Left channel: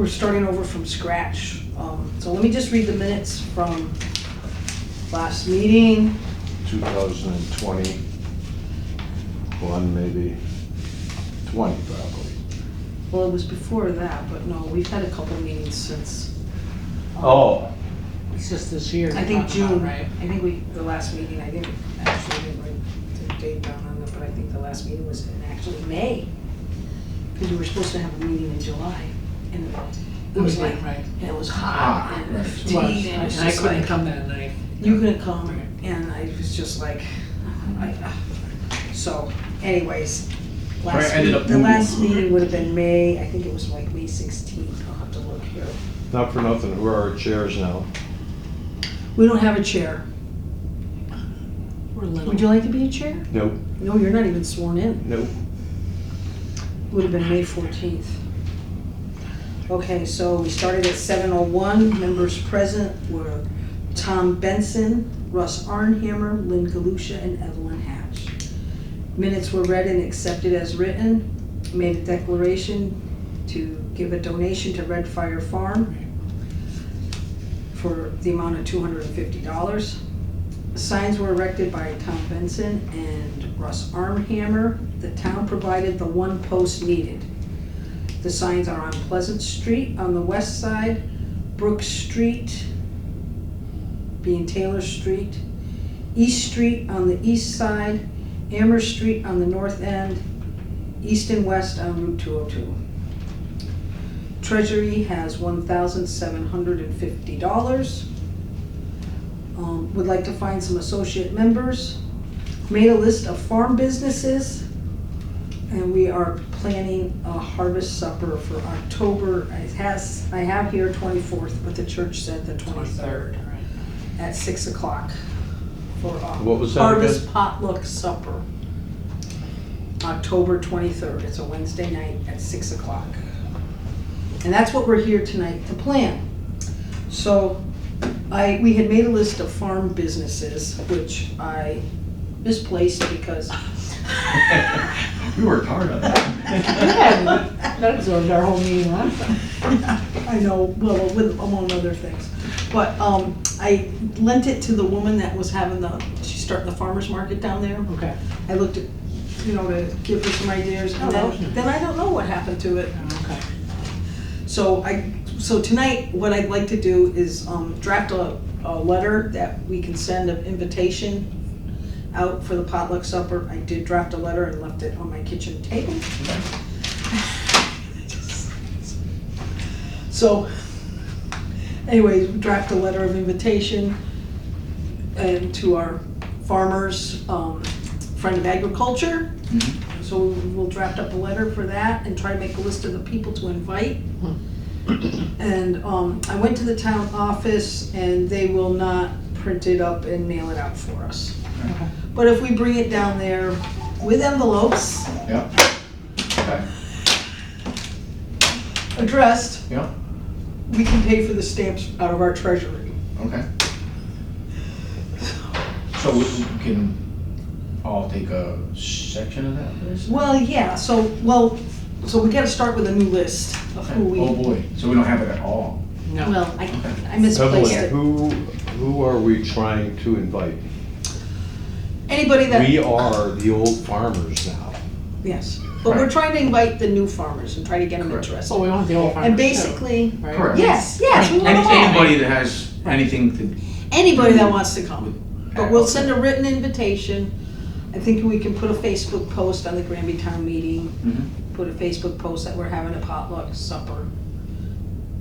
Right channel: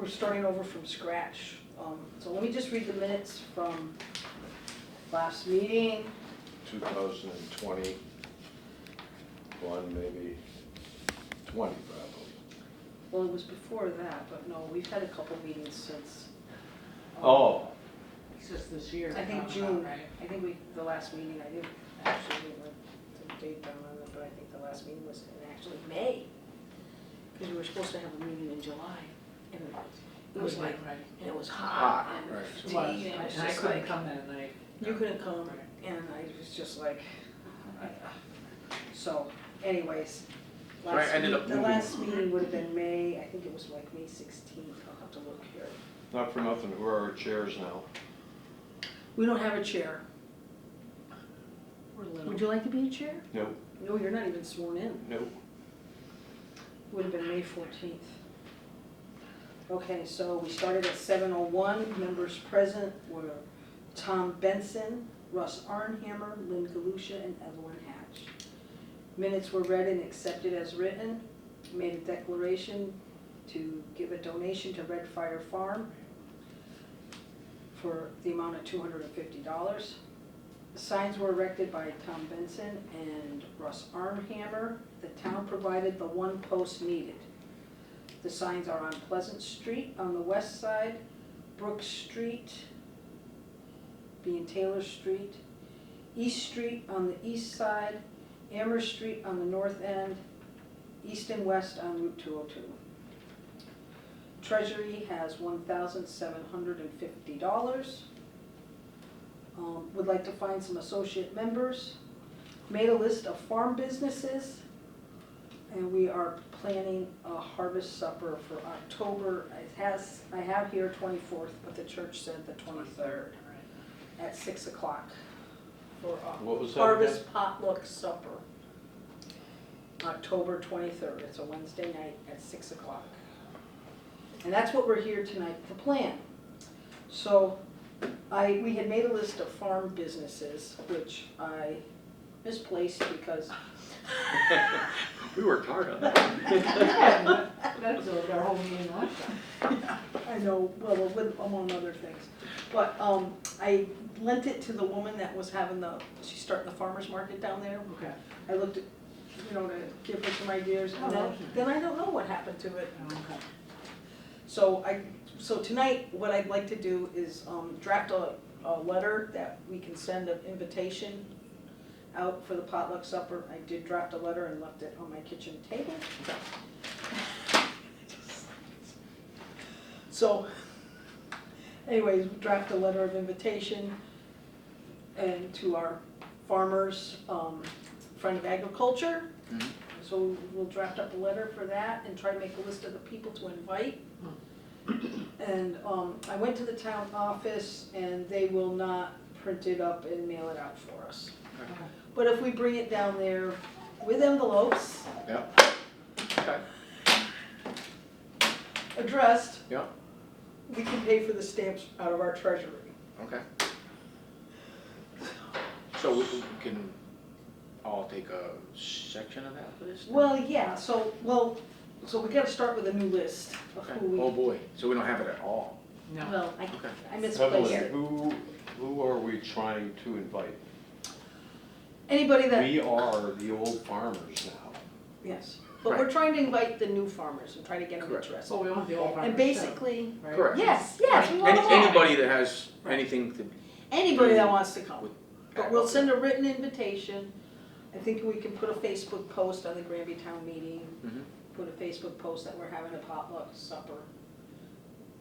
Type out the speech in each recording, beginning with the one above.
we're starting over from scratch. So let me just read the minutes from last meeting. 2021, maybe 20 probably. Well, it was before that, but no, we've had a couple meetings since. Oh, It's just this year. I think you're talking June, about, right? I think the last meeting, I didn't write the date down on it, but I think the last meeting was in actually May. Because we were supposed to have a meeting in July, and it was like, Right. and it was hot, and right. fatigued, Well, and it was and I just couldn't like, come that night. you couldn't come, and I was just like, so anyways, the last meeting would have been May, I think it was like May 16th, I'll have to look here. not for nothing, who are our chairs now? We don't have a chair. We're little. Would you like to be a chair? Nope, No, you're not even sworn in. nope. Would have been May 14th. Okay, so we started at 7:01. Members present were Tom Benson, Russ Arnhammer, Lynn Galusha, and Evelyn Hatch. Minutes were read and accepted as written. Made a declaration to give a donation to Red Fire Farm for the amount of $250. Signs were erected by Tom Benson and Russ Armhammer. The town provided the one post needed. The signs are on Pleasant Street on the west side, Brook Street, being Taylor Street, East Street on the east side, Amherst Street on the north end, east and west on Route 202. Treasury has $1,750. Would like to find some associate members. Made a list of farm businesses, and we are planning a harvest supper for October. I have here 24th, but the church said the 23rd at 6 o'clock for What was that harvest again? potluck supper. October 23rd. It's a Wednesday night at 6 o'clock. And that's what we're here tonight to plan. So we had made a list of farm businesses, which I misplaced because We worked hard on that. That absorbed our whole meeting last time. I know, well, among other things. But I lent it to the woman that was having she's starting the farmer's market down there. Okay. I looked at, to give her some ideas, Oh, and that was nice. then I don't know what happened to it. Okay. So tonight, what I'd like to do is draft a letter that we can send an invitation out for the potluck supper. I did draft a letter and left it on my kitchen table. So, anyways, draft a letter of invitation and to our farmers, friend of agriculture. So we'll draft up a letter for that and try to make a list of the people to invite. And I went to the town office and they will not print it up and mail it out for us. Okay. But if we bring it down there with envelopes Yeah. Okay. addressed, Yeah. we can pay for the stamps out of our treasury. Okay. So we can all take a section of that list? Well, yeah, so we gotta start with a new list of who we, Oh boy, so we don't have it at all? No. well, I misplaced it. Who are we trying to invite? Anybody that. We are the old farmers now. Yes, but we're trying to invite the new farmers and try to get them Correct. interested. So we want the old farmers And too, basically, right? Correct. yes, we want them all. Anybody that has anything to, Anybody that wants to come. But we'll send a written invitation. I think we can put a Facebook post on the Granby Town meeting, put a Facebook post that we're having a potluck supper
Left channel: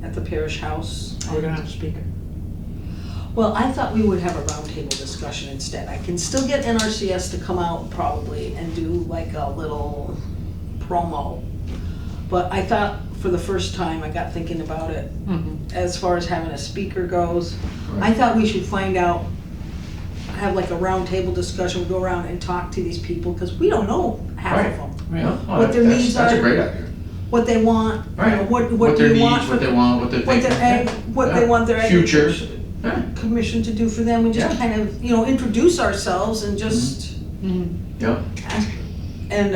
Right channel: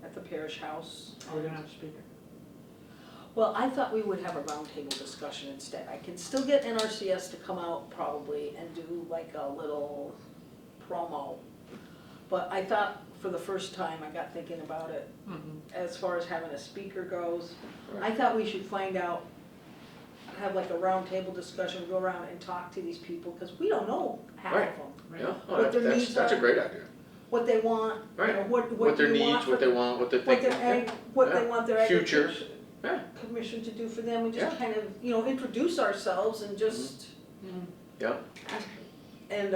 at the parish house. We're gonna have a speaker. Well, I thought we would have a roundtable discussion instead. I can still get NRCS to come out probably and do like a little promo. But I thought for the first time, I got thinking about it, as far as having a speaker goes. I thought we should find out, have like a roundtable discussion, go around and talk to these people, because we don't know half of Right. them. Right. no, What their needs that's a are. great idea. What they want, Right. what their do you needs, want. what they want, what they're What thinking. their what they want their Future. agriculture Yeah. commission to do for them, and just Yeah. kind of, introduce ourselves and just Yeah. ask. And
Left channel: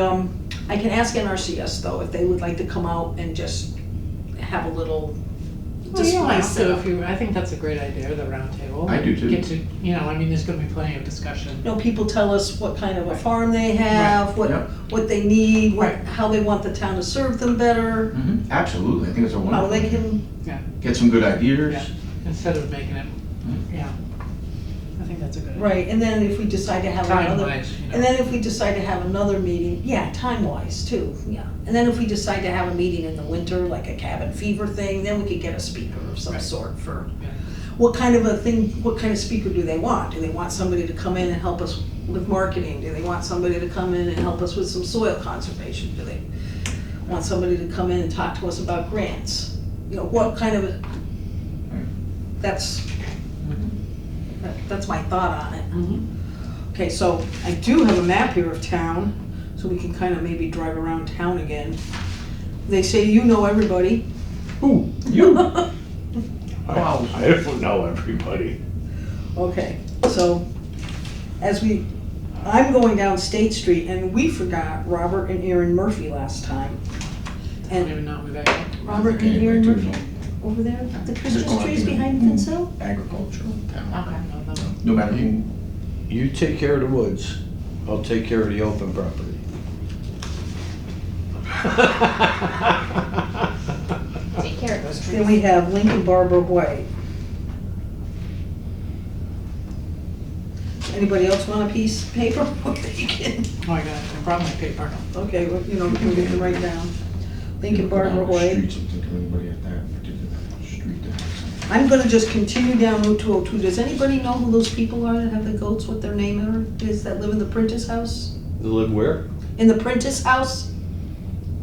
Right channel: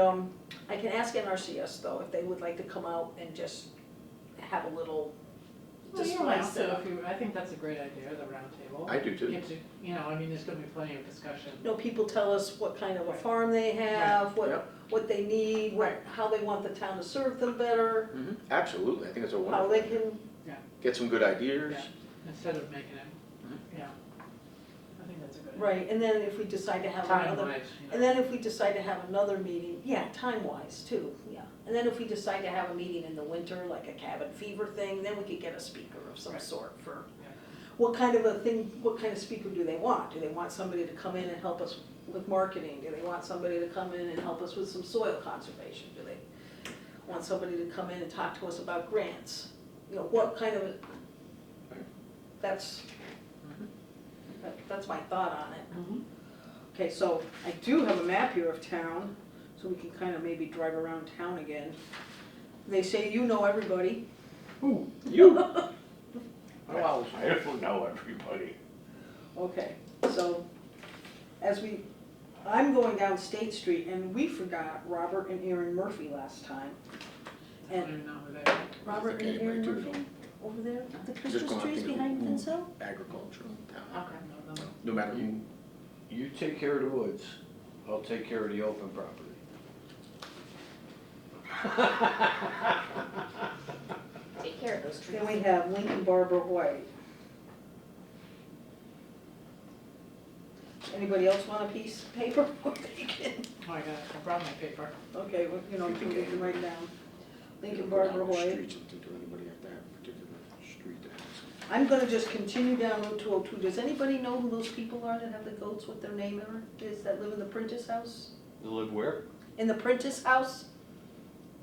I can ask NRCS though, if they would like to come out and just have a little Well, you don't display have set to up. if you, I think that's a great idea, the round table. I do too. Get to, you know, I mean, there's gonna be plenty of discussion. You know, people tell us what kind of a Right. farm they have, Yep. what they need, Right. how they want the town to serve them better, Absolutely, I think it's a how wonderful. they can, Get some good ideas. Yeah, instead of making it, yeah. I think that's a good idea. right, and then if we decide to have another. Time-wise, you know. And then if we decide to have another meeting, yeah, time-wise too, yeah. And then if we decide to have a meeting in the winter, like a cabin fever thing, then we could get a speaker of some Right. sort for, Yeah. what kind of a thing, what kind of speaker do they want? Do they want somebody to come in and help us with marketing? Do they want somebody to come in and help us with some soil conservation? Do they want somebody to come in and talk to us about grants? You know, what kind of, that's, that's my thought on it. Mhm. Okay, so I do have a map here of town, so we can kind of maybe drive around town again. They say you know everybody. Who? You? Wow. I don't know everybody. Okay, so I'm going down State Street and we forgot Robert and Erin Murphy last time. I don't And even know who that is. Robert and Erin Murphy over there, the Christmas trees behind Finsell? Agricultural town. Okay. I don't know them. No matter who. You take care of the woods, I'll take care of the open property. Take care of those trees. Then we have Lincoln Barbara White. Anybody else want a piece of paper? You can. Oh, I got it, I brought my paper. Okay, well, you know, we can write down. Lincoln Barbara Down the White. streets and think of anybody at that particular street that has I'm gonna just continue down Route 202. Does anybody know who those people are that have the goats, what their name is, that live in the Prentice house? They live where? In the Prentice house,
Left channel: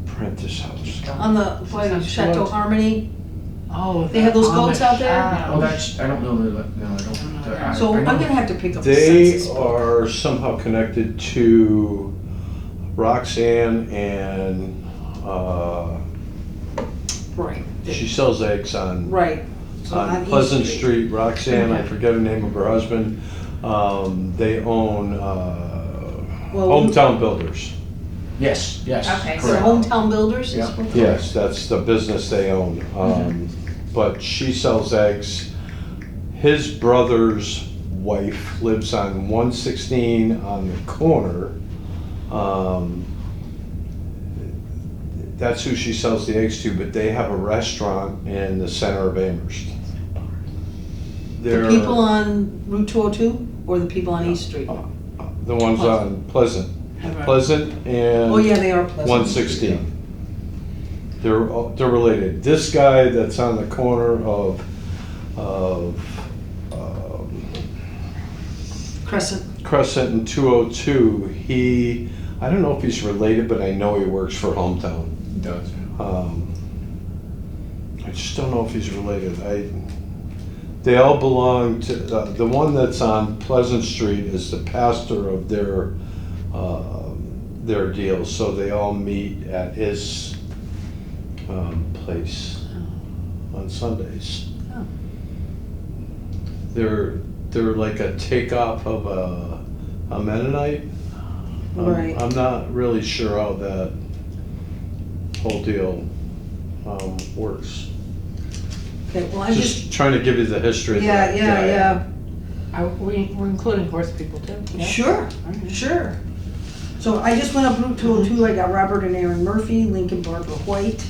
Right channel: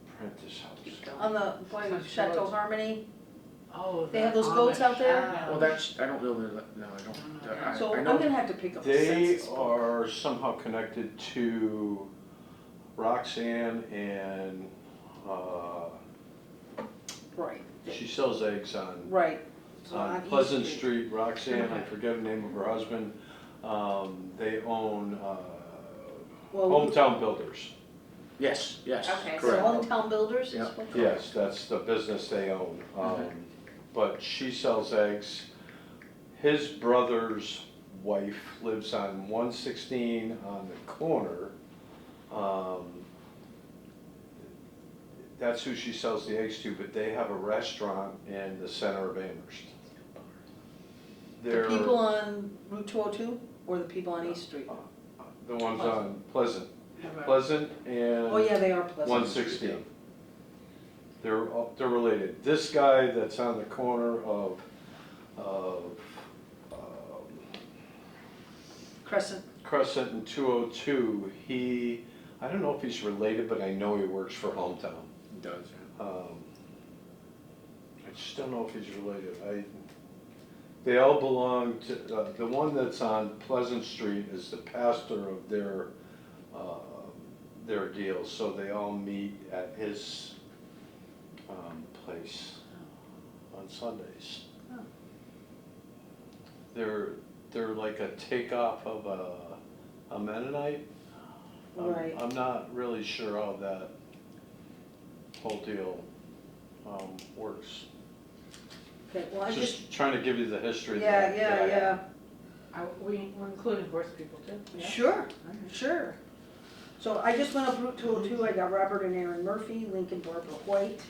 Prentice House. on the, by Sounds Chateau close. Harmony? Oh. They have those the goats Amish. out there? some. Oh, that's, I don't know, no, I don't. So I I'm know- gonna have to pick up the They census book. are somehow connected to Roxanne and, Right, she sells eggs on right. So on East Pleasant Street, Roxanne, I Okay. forget the name of her husband. They own Well, Hometown Builders. Yes, yes, Okay, So correct. Hometown Builders is Yeah. what? Yes, that's the business they own. But she sells eggs. His brother's wife lives on 116 on the corner. That's who she sells the eggs to, but they have a restaurant in the center of Amherst. The They're people on Route 202 or the people on East Street? the ones on Pleasant. Right. Pleasant and Oh, yeah, they are Pleasant. 116. They're related. This guy that's on the corner of Crescent. Crescent and 202, I don't know if he's related, but I know he works for Hometown. It does, yeah. I just don't know if he's related. They all belong to, the one that's on Pleasant Street is the pastor of their deal, so they all meet at his place on Sundays. Oh. They're like a takeoff of a Mennonite. Right. I'm not really sure how that whole deal works. Okay, well, I'm just, Just trying to give you the history. yeah, that- yeah, that I yeah. have. We're including horse people too? Yeah? Sure, sure. So I just went up Route 202, I got Robert and Erin Murphy, Lincoln Barbara White,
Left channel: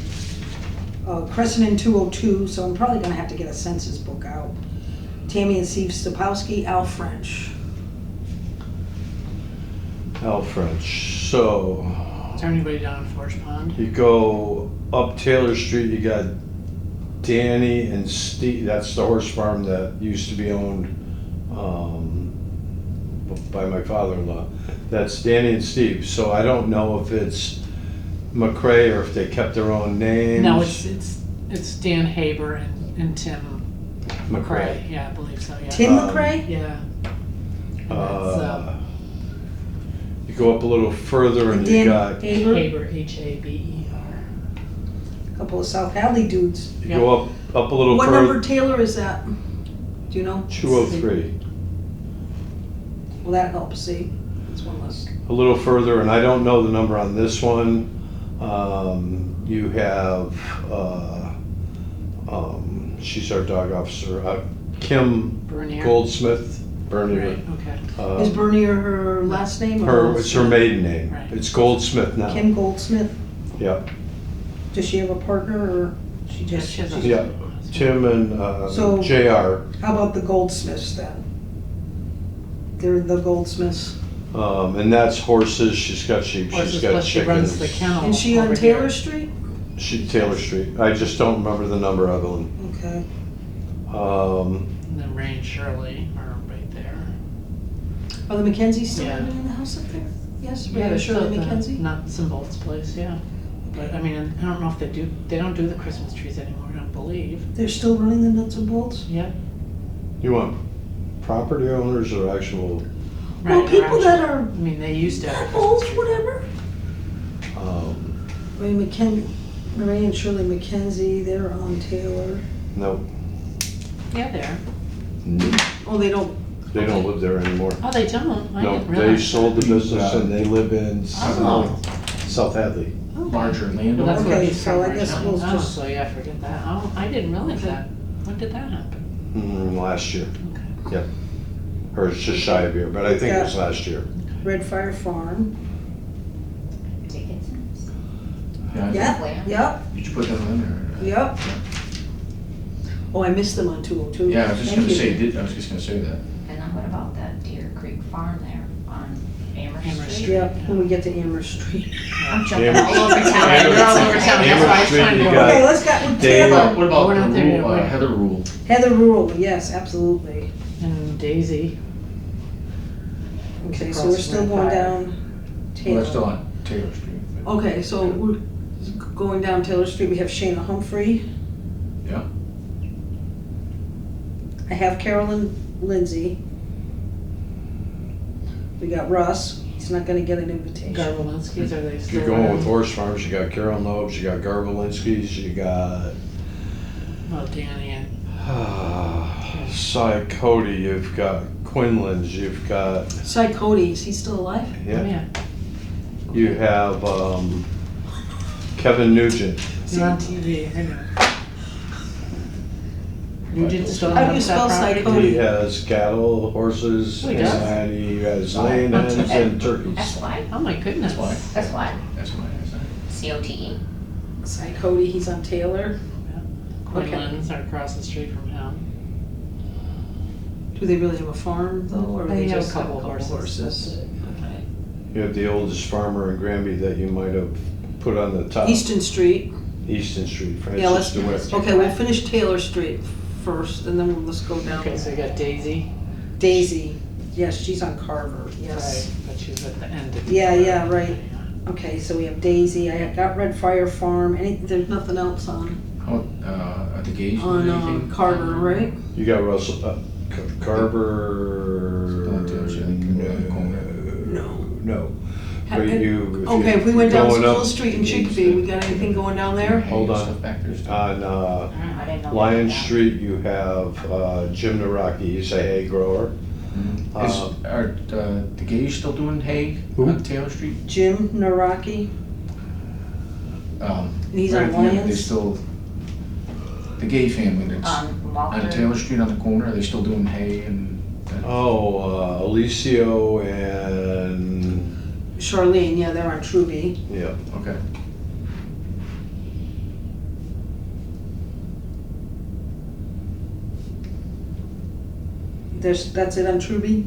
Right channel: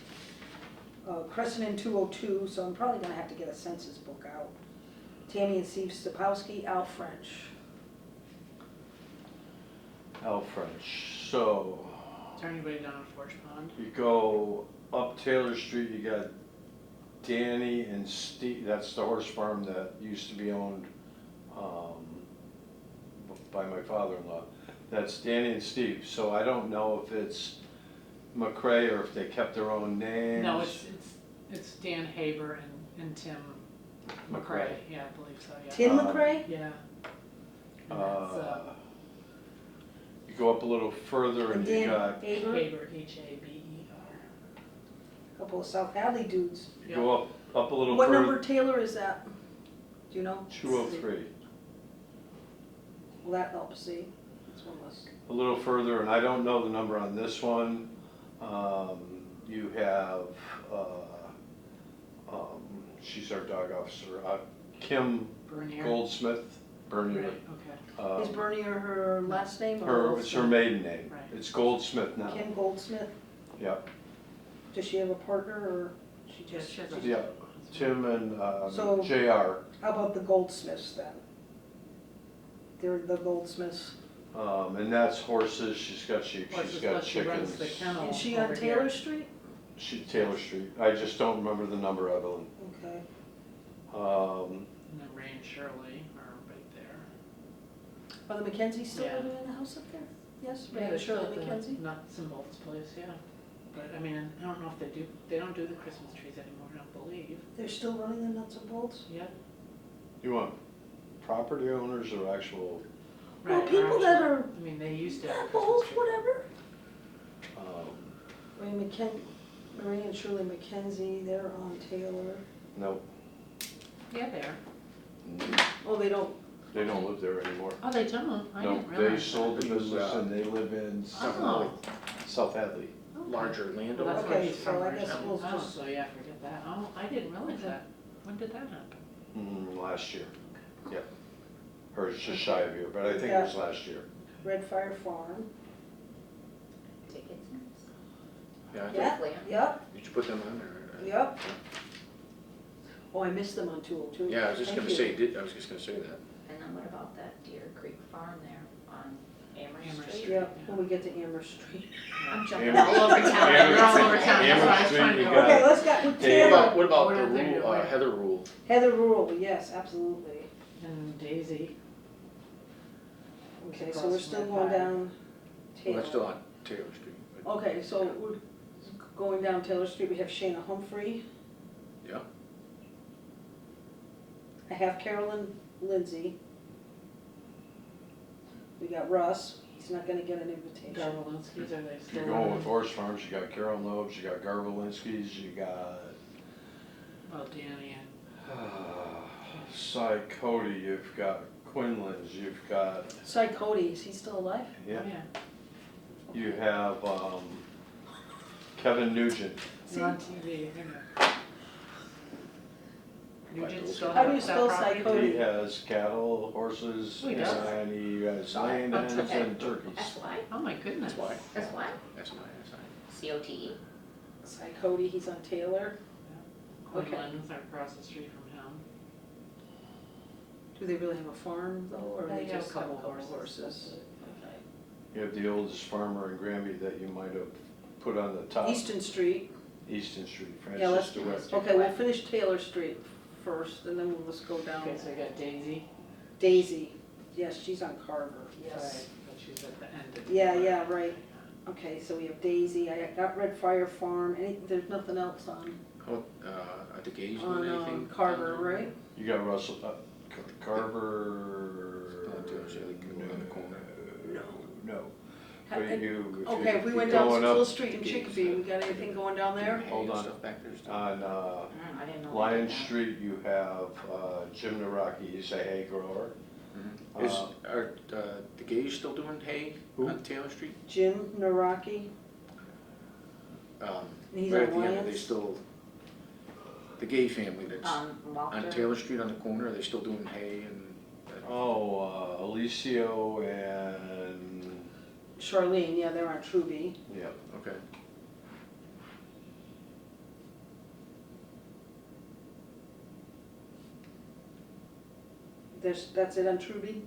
Crescent and 202, so I'm probably gonna have to get a census book out. Tammy and Steve Stopowski, Al French. Al French. So Is there anybody down in Forest Pond? you go up Taylor Street, you got Danny and Steve, that's the horse farm that used to be owned by my father-in-law. That's Danny and Steve, so I don't know if it's McCrae or if they kept their own names. No, it's Dan Haber and Tim McCrae. Yeah, I believe so, yeah. Tim McCrae? Yeah. And that's, You go up a little further and you Dan got, Haber, Haber, Haber. couple of South Hadley dudes. you go up a little What number further, Taylor is that? Do you know? 203. Well, that helps, see, that's one less. A little further, and I don't know the number on this one. You have She's our dog officer. Kim Bernier. Goldsmith, Bernier. Right, okay. Is Bernier her last name? or It's her maiden name. Right. It's Goldsmith now. Kim Goldsmith? Yeah, Does she have a partner or she Yeah, just? she has a- yeah. Tim and So- JR. How about the Goldsmiths then? They're the Goldsmiths. And that's horses, she's got sheep, Horses, she's got plus she runs the chickens. kennel. Is she on over here. Taylor Street? Taylor Street. I just don't remember the number, Evelyn. Okay. And then Ray and Shirley are right there. Are the Mackenzies still Yeah. living in the house up there? Yes, Yeah, Ray they're Shirley still at the Mackenzie? nuts and bolts place, yeah. But I mean, I don't know if they don't do the Christmas trees anymore, I don't believe. They're still running the nuts and bolts? Yeah. You want property owners or actual, Well, Right, people or that actually- are I mean, they used to have a both, Christmas tree. whatever. um, Ray and Shirley Mackenzie, they're on Taylor. no, Yeah, there. Oh, they don't, they don't live there anymore. Oh, they don't? I No, didn't they realize. sold the business and they live in Oh. South Hadley. Larger Well, landowner. that's where Okay, he's so from I right guess now. we'll Oh, just- so yeah, forget that. Oh, I didn't realize Okay. that. When did that happen? Last year, Okay. yeah. Or it's just shy of a year, but I think it was last year. Red Fire Farm. Dickinson's. Yeah, yep, Did you put them in or? yep. Oh, I missed them on 202. Yeah, I was just Thank gonna you. say, I was just gonna say that. And then what about that Deer Creek Farm there on Amherst Amherst Street? Street. Yeah, when we get to Amherst Street. I'm jumping Amherst- all over town. Yeah, you're all over town, that's why I was Street, trying to you go. got- Okay, let's go with Dave. Taylor. What about We're the not there yet, rule, wait. Heather Rule? Heather Rural, yes, absolutely. And Daisy. Okay, so Across we're still from going Fire. down Well, Taylor. that's still on Taylor Street. but- Okay, so we're going down Taylor Street, we have Shayna Humphrey. Yeah. I have Carolyn Lindsay. We got Russ, he's not gonna get an invitation. Garbolinski's, are they If still you're going with around? horse farms, you got Carol Nobes, you got Garbolinski's, you got Well, Danny and, Cy Cody, you've got Quinlan's, you've got, Cy Cody, is he still alive? oh yeah, yeah, you have Kevin Nugent. you're on TV, I know. Nugent's still How do on you that spell property? Cody? He has cattle, horses, Oh, he does? and he has laying hens and turkeys. That's why, Oh my goodness. That's why. that's why, That's my answer. COTE. Cy Cody, he's on Taylor. Okay. Quinlan's are across the street from him. Do they really have a farm though, or They they have a just have couple horses. That's it. Okay. You have the oldest farmer in Granby that you might have put on the top. Easton Street, Easton Street, yeah, let's, Francis DeWitt. okay, we'll finish Taylor Street first, and then we'll just go down. Okay, so you got Daisy. Daisy, yes, she's on Carver, yes. Right, but she's at the end of. Yeah, yeah, right. Okay, so we have Daisy, I got Red Fire Farm, there's nothing else on, How, at the gauge, or anything? Carver, right? You got Russell, Carver. Still on Taylor Street, on the corner. No. Ha- But you, Okay, if we went down going up- School Street in Chicopee, we got anything going down there? Hold Hanging on. Stuff back there still. On I didn't know. Lion that. Street, you have Jim Naraki, he's a hay grower. Are the gauge still doing hay Who? on Taylor Street? Jim Naraki, He's on right at the end, They Lions? still, the Gay family that's On Walker. on Taylor Street on the corner, are they still doing hay and? Alicio and, Charlene, yeah, they're on Truby. yeah. Okay. That's it on Truby?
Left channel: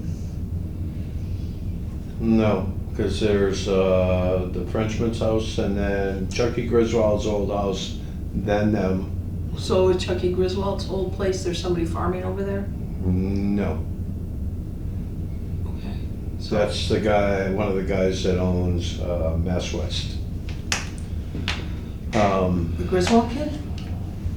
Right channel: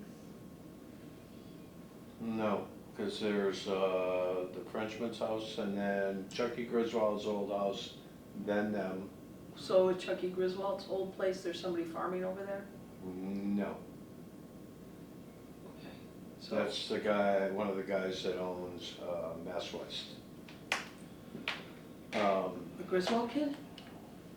No, because there's the Frenchman's house and then Chucky Griswold's old house, then them. So is Chucky Griswold's old place, there's somebody farming over there? No, Okay. So that's the guy, one of the guys that owns Mass West. the Griswold kid?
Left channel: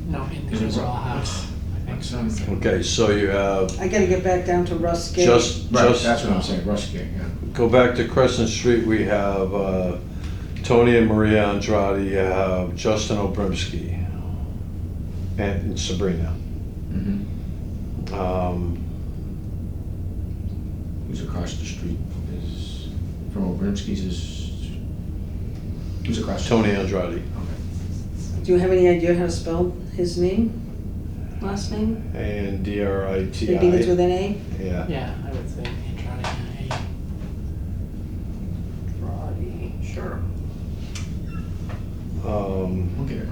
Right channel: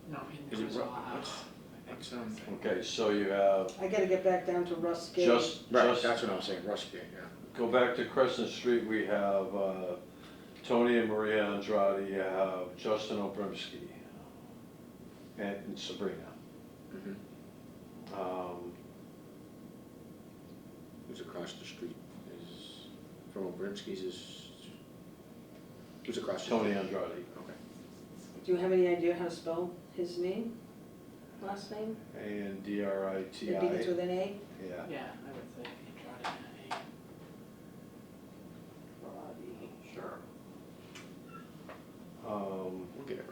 No, in the Is it Griswold Russ? house. I think so. Okay, so you have I gotta get back down to Russ Gate. just, Right, that's just what I'm saying, Rush Gate, yeah. go back to Crescent Street, we have Tony and Maria Andrade, you have Justin Obrimsky and Sabrina. Mm-hmm. Who's across the street is, from Obrinsky's is, who's across? the Tony street? Andrade. Okay. Do you have any idea how to spell his name? last name? A-N-D-R-I-T-I. It begins with an A? Yeah. Yeah, I would say Andrade. Roddy, sure. We'll get it.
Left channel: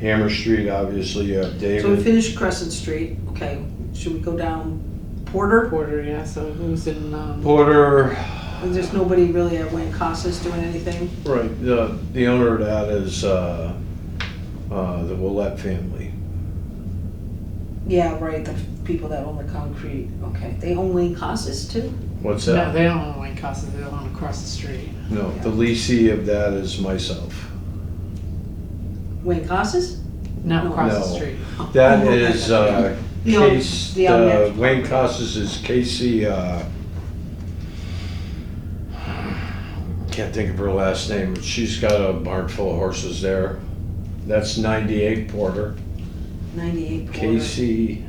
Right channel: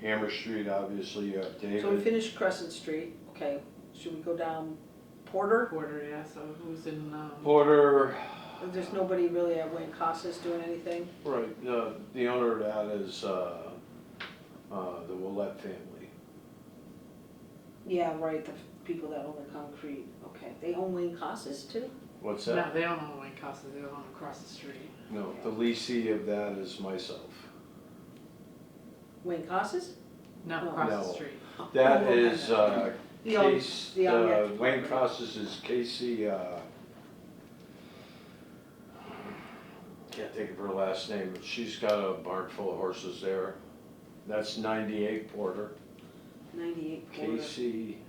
Hammer Street, obviously, you have So we David. finished Crescent Street, okay, should we go down Porter? Porter, yeah, so who's in, Porter, There's nobody really at Wayne Casas doing anything? right, the owner of that is, the Willett family. Yeah, right, the people that own the concrete, okay, they own Wayne Casas too? What's no, that? they don't own Wayne Casas, they own across the street. No, the leasee of that is myself. Wayne Casas? No, No. across the No. street. That Oh, okay. is, No, Case, the next Wayne property. Casas is Casey, can't think of her last name, but she's got a barn full of horses there. That's 98 Porter. 98 Porter. Casey,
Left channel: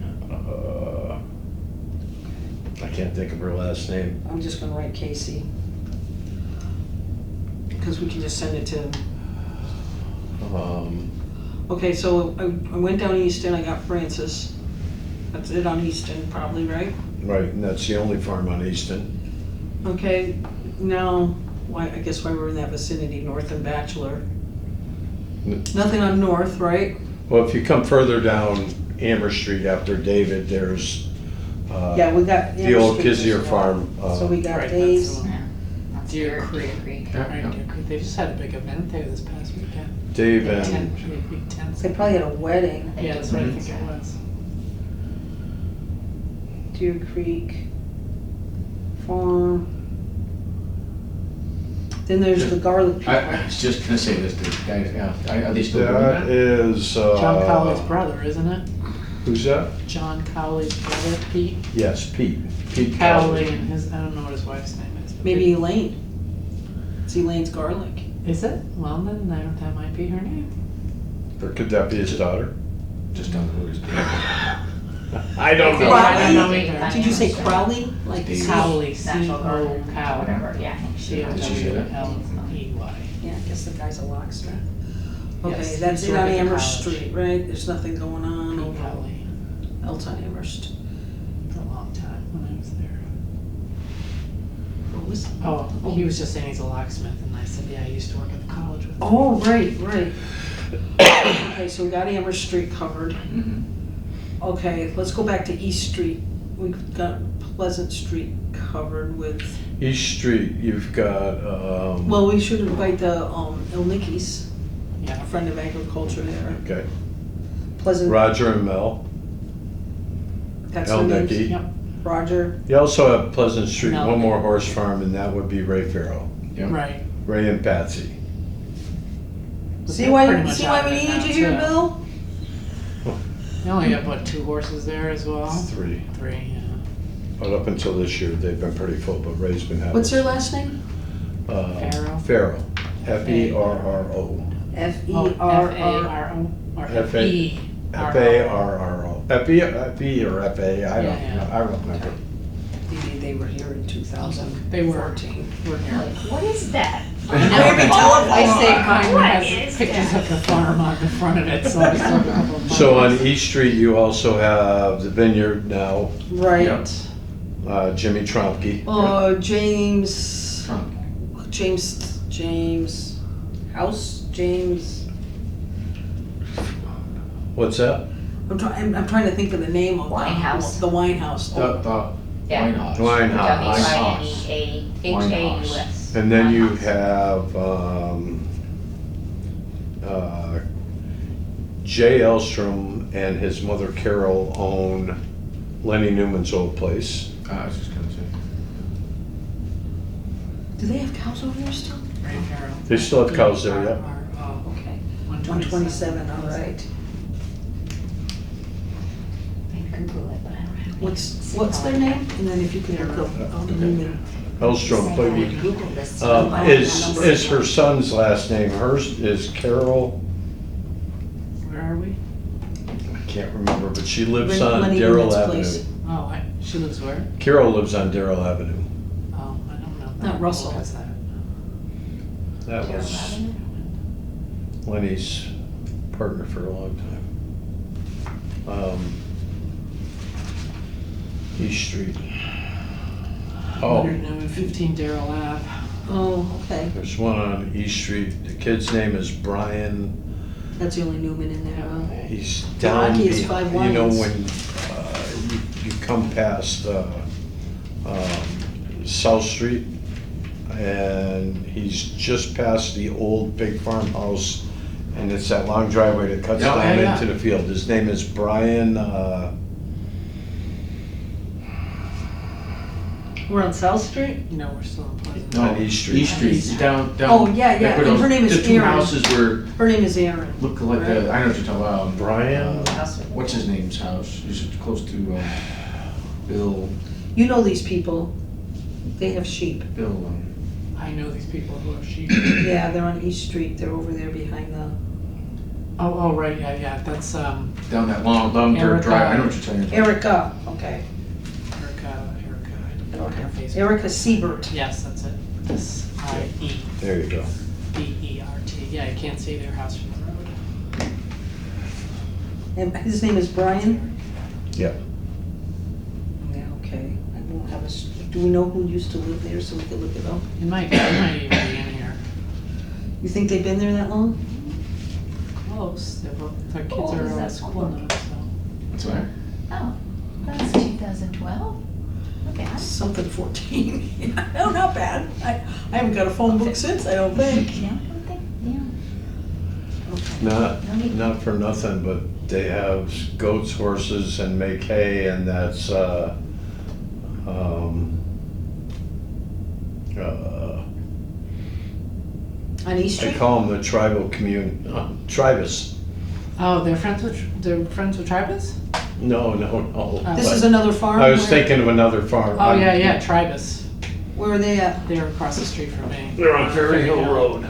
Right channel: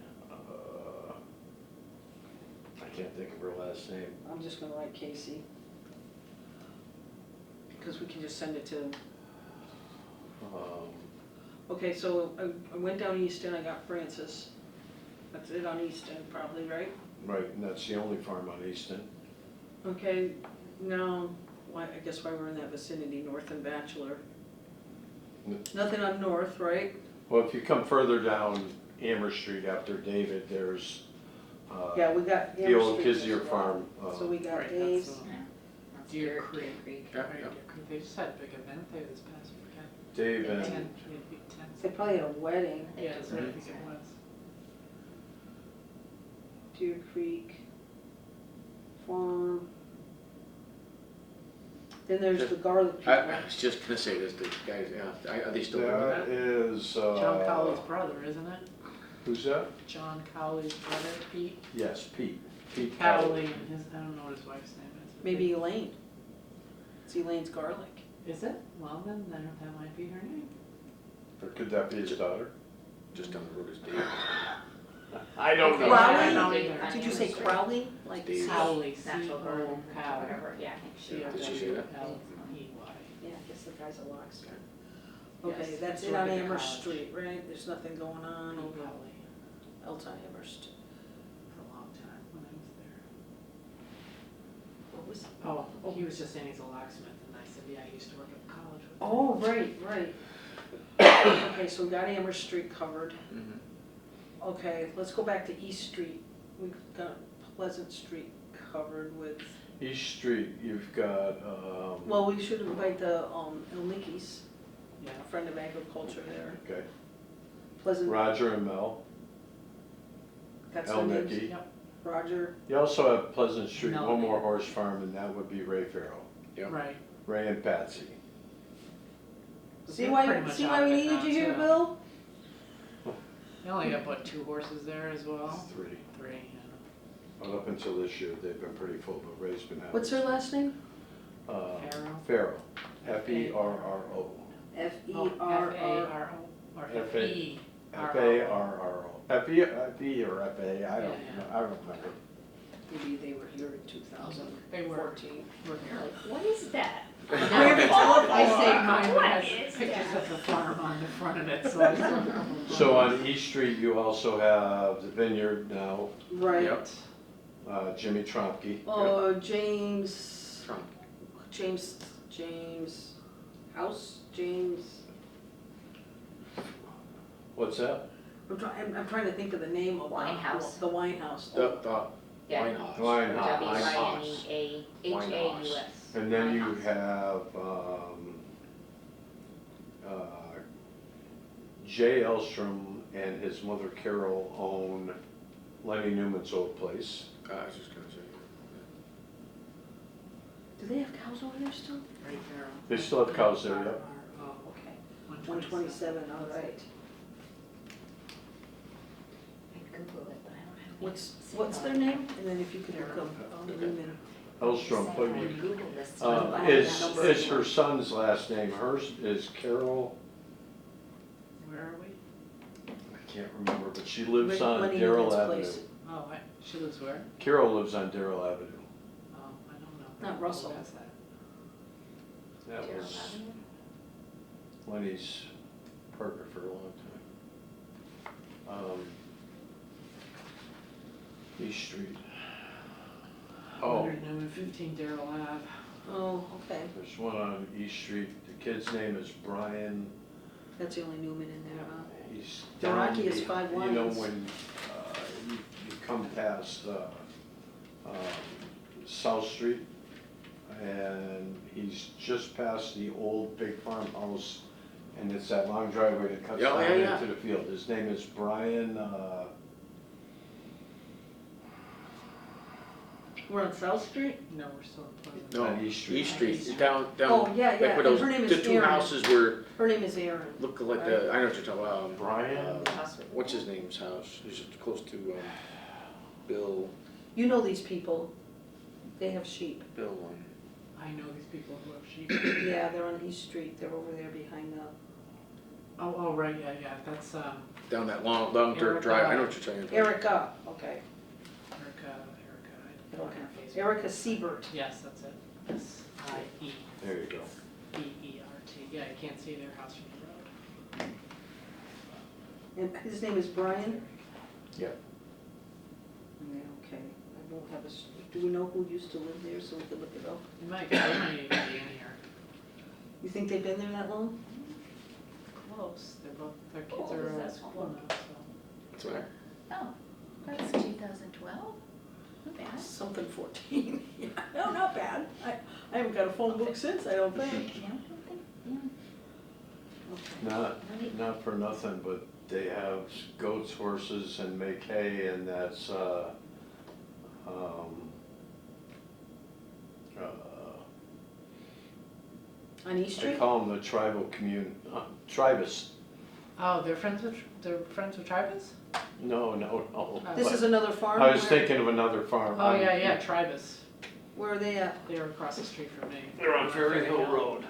I can't think of her last name. I'm just gonna write Casey. Because we can just send it to him. Okay, so I went down Easton, I got Francis. That's it on Easton, probably, right? Right, and that's the only farm on Easton. Okay, now, why, I guess why we're in that vicinity, North and Bachelor. Nothing on North, right? Well, if you come further down Amber Street after David, there's, Yeah, we got. the old Amber Street Kizier as well. farm. So we got Right, Dave's. that's the one. Yeah. That's Deer Creek. Yeah, Right, yeah. Deer Creek. They just had a big event there this past weekend. Dave Big and, tent, big tents. They probably had a wedding. Yeah, that's what I think it was. Deer Creek Farm. Then there's the garlic people. I was just gonna say this, the guys, yeah, are they still doing that that? is, John Cowley's brother, isn't it? who's that? John Cowley's brother, Pete. Yes, Pete. Pete Cowley Cowley. and his, I don't know what his wife's name is. but Maybe Elaine. It's Elaine's garlic. Is it? Well, then that might be her name. Or could that be his daughter? Just don't know who it is. I don't Okay, know. I don't know Crowley? either. Did you say Crowley? Like Dave. Cowley, Natural garden, C-O-W. whatever, yeah. Did she say that? C-O-W-L-E-Y. Yeah, I guess the guy's a locksmith. Okay, Yes, that's he's it on working at Amherst college. Street, right? There's nothing going on Pete over Cowley, else on Amherst. for a long time when I was there. What was? Oh, he was just saying he's a locksmith, and I said, yeah, I used to work at the college with him. Oh, right, right. Okay, so we got Amherst Street covered. Mhm. Okay, let's go back to East Street. We've got Pleasant Street covered with, East Street, you've got, well, we should invite the, El Nickies, Yeah. a friend of agriculture there. okay, Pleasant, Roger and Mel, that's El their names. Nicky. Yep. Roger, You also have Pleasant Street, No. one more horse farm, and that would be Ray Farrell. Yep. Right. Ray and Patsy. But see they're why, pretty much see out why of we it needed now, you here, too. Bill? They only have, what, 2 horses there as well? 3. 3, yeah. But up until this year, they've been pretty full, but Ray's been having. What's their last name? Farrell? Farrell, F-E-R-R-O. F-E-R-R. F-A-R-O, or F-A- F-E-R-R-O. F-A-R-R-O. F-E or F-A, I Yeah, don't, yeah. I don't remember. Maybe they were here in 2014. They were here. What is that? I saved mine What that is has pictures that? of the farm on the front of it, so I still have a couple of So on photos. East Street, you also have the vineyard now, Right. Yep. Jimmy Tromke. James, Trump. James House, What's that? I'm trying to think of the name of Winehouse. The Winehouse. The Yeah. Winehouse. Winehouse. W-I-N-E-A-H-A-U-S. And then you Winehouse. have Jay Elstrom and his mother Carol own Lenny Newman's old place. I was just gonna say. Do they have cows over there still? Ray Farrell. They still have cows there, yep. Oh, Okay. 127. 127, all right. I can Google it, but I don't have. What's their name? And then if you could look up Newman. Elstrom, but you, Google this. is her son's last name. Hers is Carol, Where are we? I can't remember, but she lives on Lenny Darrell Newman's Avenue. place. Oh, she lives where? Carol lives on Darrell Avenue. Oh, I don't know. Not Russell. What's that? That was Lenny's partner for a long time. East Street. Oh, 115 Darrell Ave. Oh, okay, there's one on East Street. The kid's name is Brian. that's the only Newman in there, huh? He's The down, Rocky is behind- 5 you know, lines. when you come past South Street, and he's just past the old big farmhouse, and it's that long driveway that cuts Yeah, down yeah, into the field. His name is Brian, We're on South Street? No, we're still in Pleasant. No, On East Street. East Street, down. Oh, yeah, like yeah, where and those- her name is The two Erin. houses were, Her name is Erin. look like the, I know what you're talking about. Brian. What's his name's house? He's close to, Bill, You know these people, they have sheep. I know these people who have sheep. Yeah, they're on East Street, they're over there behind the, Oh, right, yeah, that's down that long dirt Erica. drive, I know what you're saying. Erica, okay. Erica, I don't know her face. Erica Siebert. Yes, that's it. There you go. S-I-E-B-E-R-T. Yeah, you can't see their house from the road. And his name is Brian? Yeah. Yeah, okay. I won't have do we know who used to live there so we could look it up? It might even be in here. You think they've been there that long? Close. Their kids Oh, are is in that school one? now, so. What's that? Oh, that's 2012? Okay. Something 14. No, not bad. I haven't got a phone book since, I don't think. Yeah, I don't think, yeah. Not, No need. not for nothing, but they have goats, horses, and make hay, and that's, On East I Street? call them the tribal tribus. Oh, they're friends with Tribus? No. This but- is another farm? I was Where- thinking of another farm. Oh, yeah, Tribus. Where are they at? They're across the street from me. They're on Ferry Hill Road.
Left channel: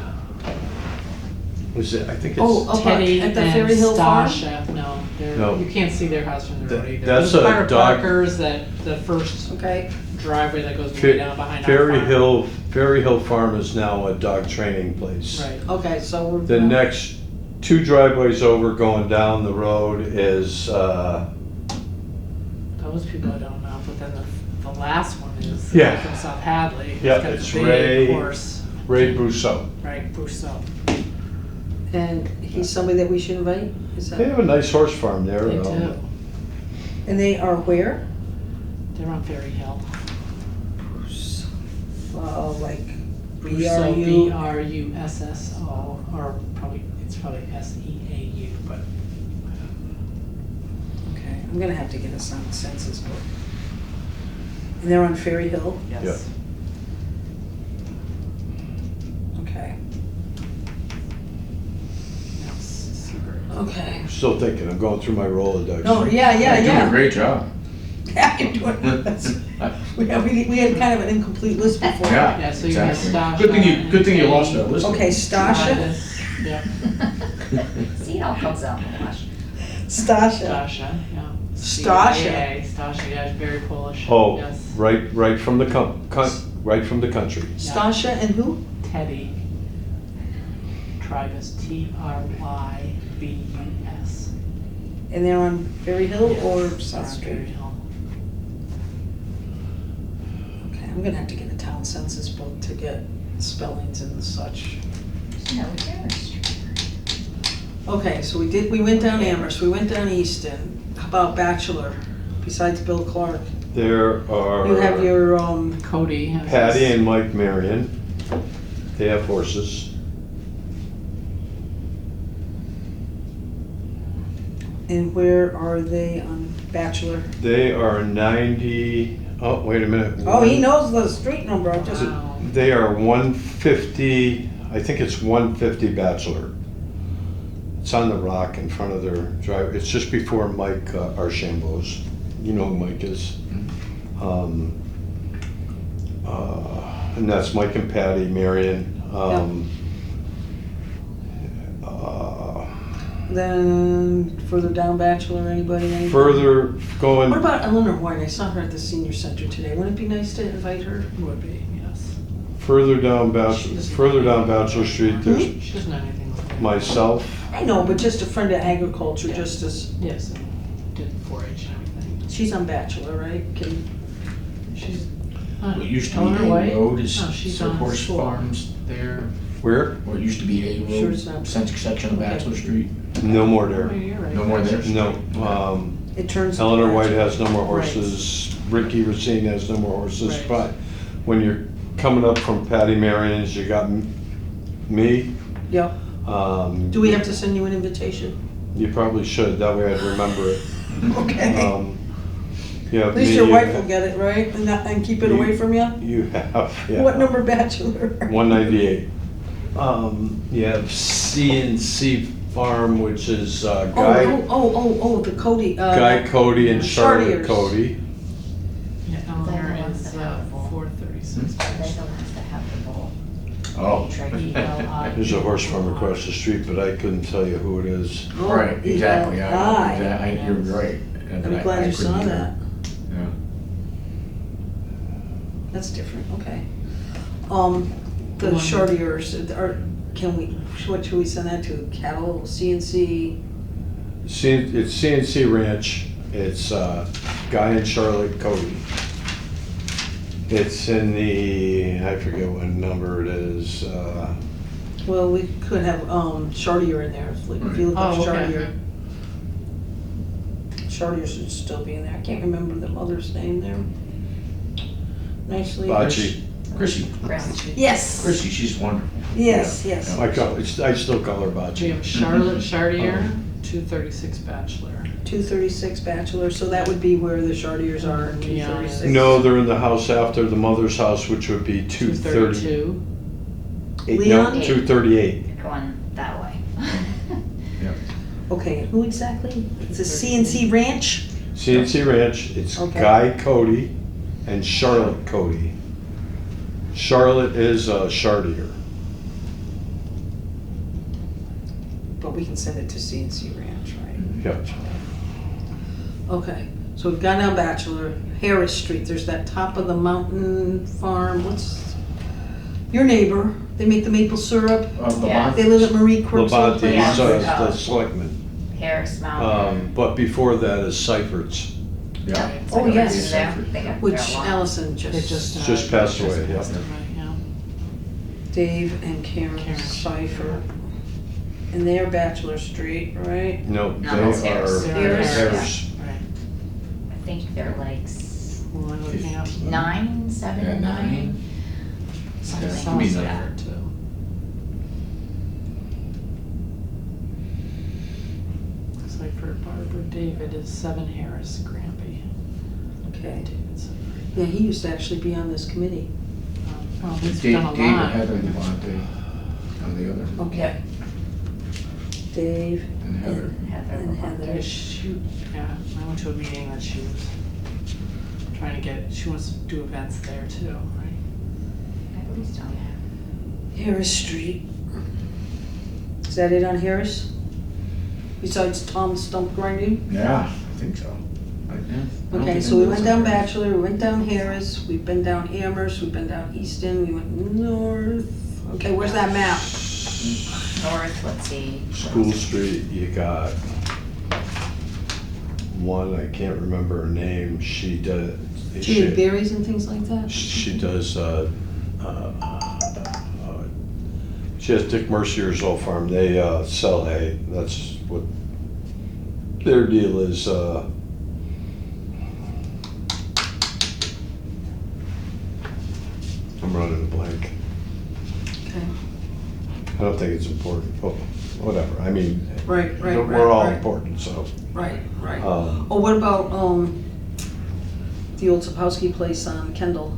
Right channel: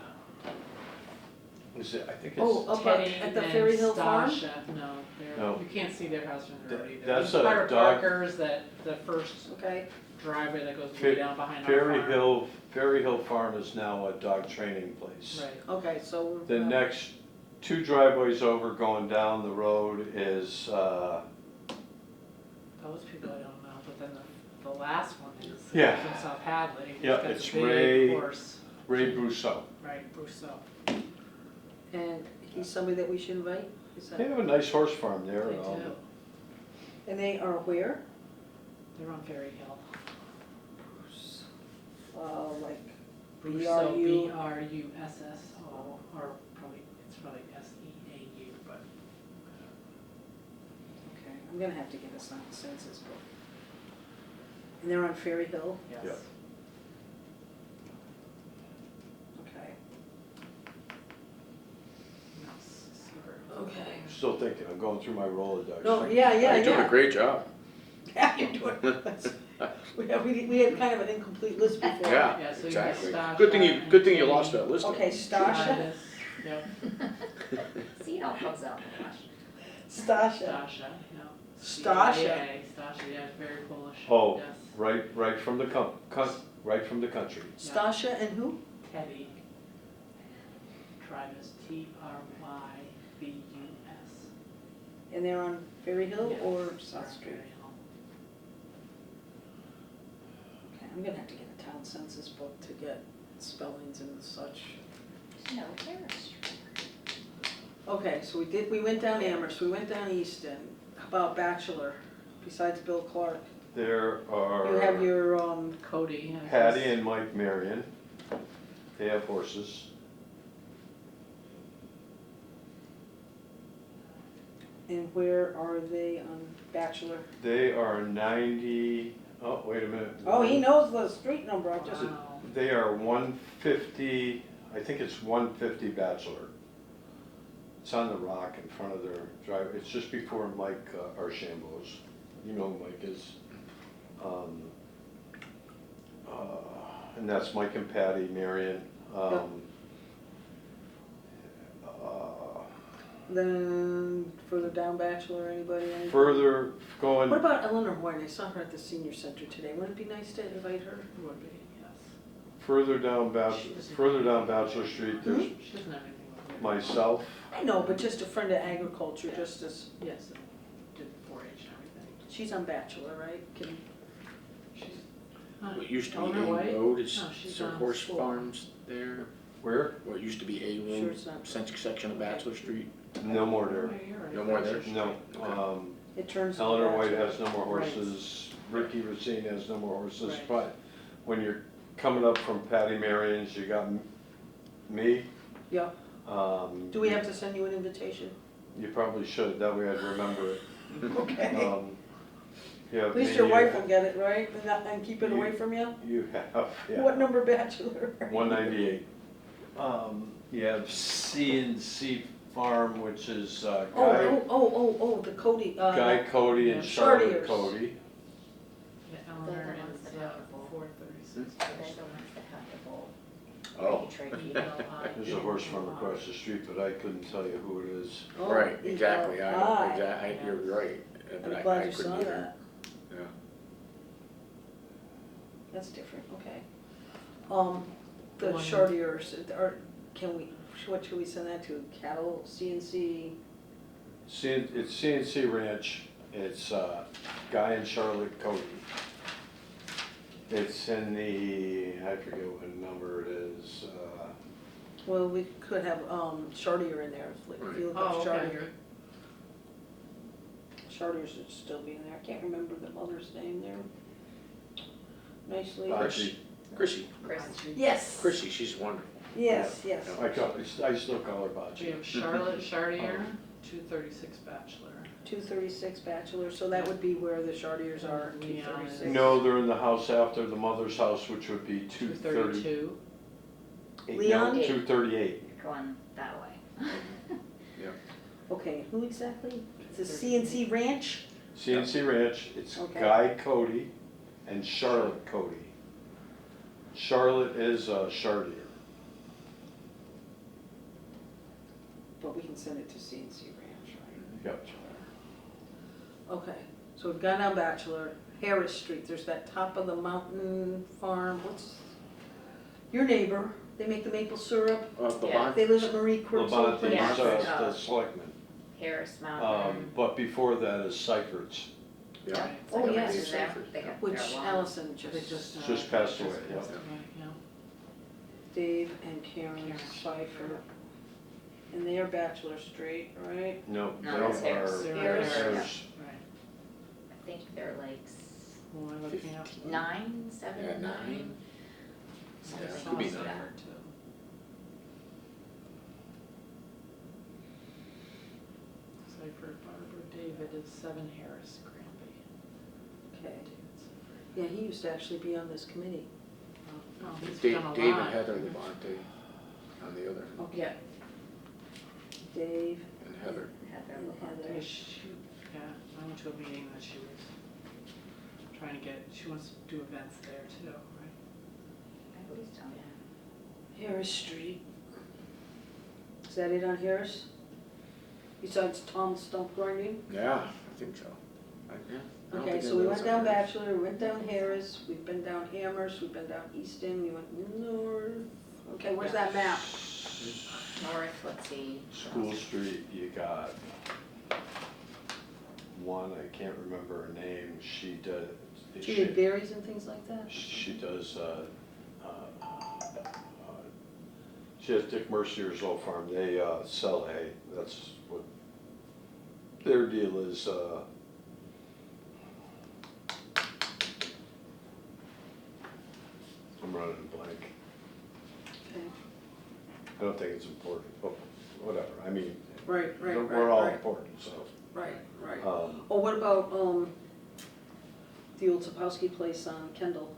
Was it, I think Oh, it's, up Teddy at the and Ferry Hill Farm? Stasha, no, No. you can't see their house from the road either. That's There's a part of dog- Parker's, the first Okay, driveway that goes way down behind our farm. Ferry Hill Farm is now a dog training place. Right. okay, so we're. The next 2 driveways over going down the road is, Those people I don't know, but then the last one is the Yeah. guy from South Hadley. Yeah, Got the it's big Ray- horse, Ray Brousseau. right, Brousseau. And he's somebody that we should invite? Is They that? have a nice horse farm there. They do. And they are where? They're on Ferry Hill. Like Brousseau, BRU? B-R-U-S-S-O, or it's probably S-E-A-U, but Okay, I'm gonna have to get us on the census book. And they're on Ferry Hill? yes. Okay, No, Seabird. okay. I'm still thinking, I'm going through my Rolodex. No, yeah, You're doing a great job. Yeah, you're doing, that's, we had kind of an incomplete list before. Yeah, Yeah, so you have exactly. Stasha Good thing you and lost that list. Okay, Stasha, Yeah, See, it all comes out in the wash. Stasha, Stasha, yeah. Stasha. CIA, Stasha, yeah, she's very Polish. Oh, Yes. right from the right from the country. Stasha and who? Teddy. Tribus, T-R-Y-B-U-S. And they're on Ferry Hill or Yes, South on Street? Ferry Hill. Okay, I'm gonna have to get a town census book to get spellings and such. No, Terrace Street. Okay, so we went down Amherst, we went down Easton. How about Bachelor, besides Bill Clark? There are You have your, Cody has Patty his- and Mike Marion. They have horses. and where are they on Bachelor? They are 90. Oh, wait a minute. Oh, he knows the street number, I just, Wow. They are 150. I think it's 150 Bachelor. It's on the rock in front of their drive. It's just before Mike Archambault's. You know who Mike is. And that's Mike and Patty, Marion. then further down Bachelor, anybody? Further What going, about Eleanor White? I saw her at the senior center today. Wouldn't it be nice to invite her? Would be, yes. further down Bachelor Street, there's She doesn't know anything. myself. I know, but just a friend of agriculture, just as, Yes. she's on Bachelor, right? She's, What used to Eleanor be A White? Road is No, she's there on horse school. farms there. Where? What used to be A Sure Road, it's not. section of Okay. Bachelor Street. No more oh, there. you're right. No more there? No, It turns. into Eleanor White Bachelor. has no more Right. horses, Ricky Racine has no more horses, Right. but when you're coming up from Patty Marion's, you got me. Yep. Do we have to send you an invitation? You probably should, that way I'd remember it. Okay. Yeah, At least me, your wife will get it, right? And keep it away from you? You have, yeah. What number Bachelor? 198. You have C&C Farm, which is Guy The Cody. Cody and yeah. Charlotte Chartiers. Cody. Yeah, Eleanor They're the ones is that have the bull. 436. They're the ones that have the bull. Oh. There's a horse farm across the street, but I couldn't tell you who it is. Oh, Right, exactly, ELI. you're right. But I'm I glad you couldn't saw either. that. Yeah. That's different, okay. The The one- Chartiers, what should we send that to? Cattle, CNC? It's C&C Ranch. It's Guy and Charlotte Cody. It's in the, I forget what number it is. Well, we could have, Chartier in there, if you look up Oh, okay. Chartier. Chartier should still be in there, I can't remember the mother's name there. Nicely. Bocce. Chrissy, Yes, Chrissy, she's wonderful. yes, Yeah. yes. I still call her We Bocce. have Charlotte Chartier, 236 Bachelor. 236 Bachelor, so that would be where the Chartiers are, in Yeah. 236. No, they're in the house after the mother's house, which would be 230. 232. Leon? No, 238. Going that way. Okay, who exactly? It's a CNC Ranch? C&C Ranch, it's Okay. Guy Cody and Charlotte Cody. Charlotte is Chartier. But we can send it to CNC Ranch, right? Yep. Okay, so we've gone down Bachelor, Harris Street, there's that top of the mountain farm, what's, your neighbor, they make the maple syrup, Yeah. they live at Marie Quirk's old Levante place. is the selectman. Harris Mountain. But before that is Seifert's. Yeah. It's Oh, like a yes. rest there. They got Which their lawn. Allison They just, Just passed away, yeah. Right, yeah. Dave and Karen Karen. Seifert. And they're Bachelor Street, right? No, No, they that's Harris. are Harris. Harris. Right. I think they're like Who am I looking up? 9, 7 Yeah, and 9. 9. Something Yeah, like could be that. nine. Seifert, too. Seifert, Barbara, David is 7 Harris, Granby. Okay. David Seifert. Yeah, he used to actually be on this committee. Oh, he's Dave, done a Dave and lot. Heather Levante on the other, Okay. Dave and Heather. And Heather. and Yeah, Heather. she, yeah, I went to a meeting that she was trying to get, she wants to do events there too, right? Everybody's done that. Harris Street. Is that it on Harris? Besides Tom Stump Grinding? Yeah, I think so. I don't Okay, think so we anybody went else down on Bachelor, we went down Harris, we've been down Amherst, we've been down Easton, we went north. Okay, where's that map? North, let's see. School Street, you got one, I can't remember her name, she does. She had berries and things like that? She does, she has Dick Mercier's old farm, they sell hay, that's what their deal is. I'm running a blank. Okay, I don't think it's important, but whatever, I mean, right, right, we're all right, important, so. right, right. um, Oh, what about, the old Sapowski place on Kendall?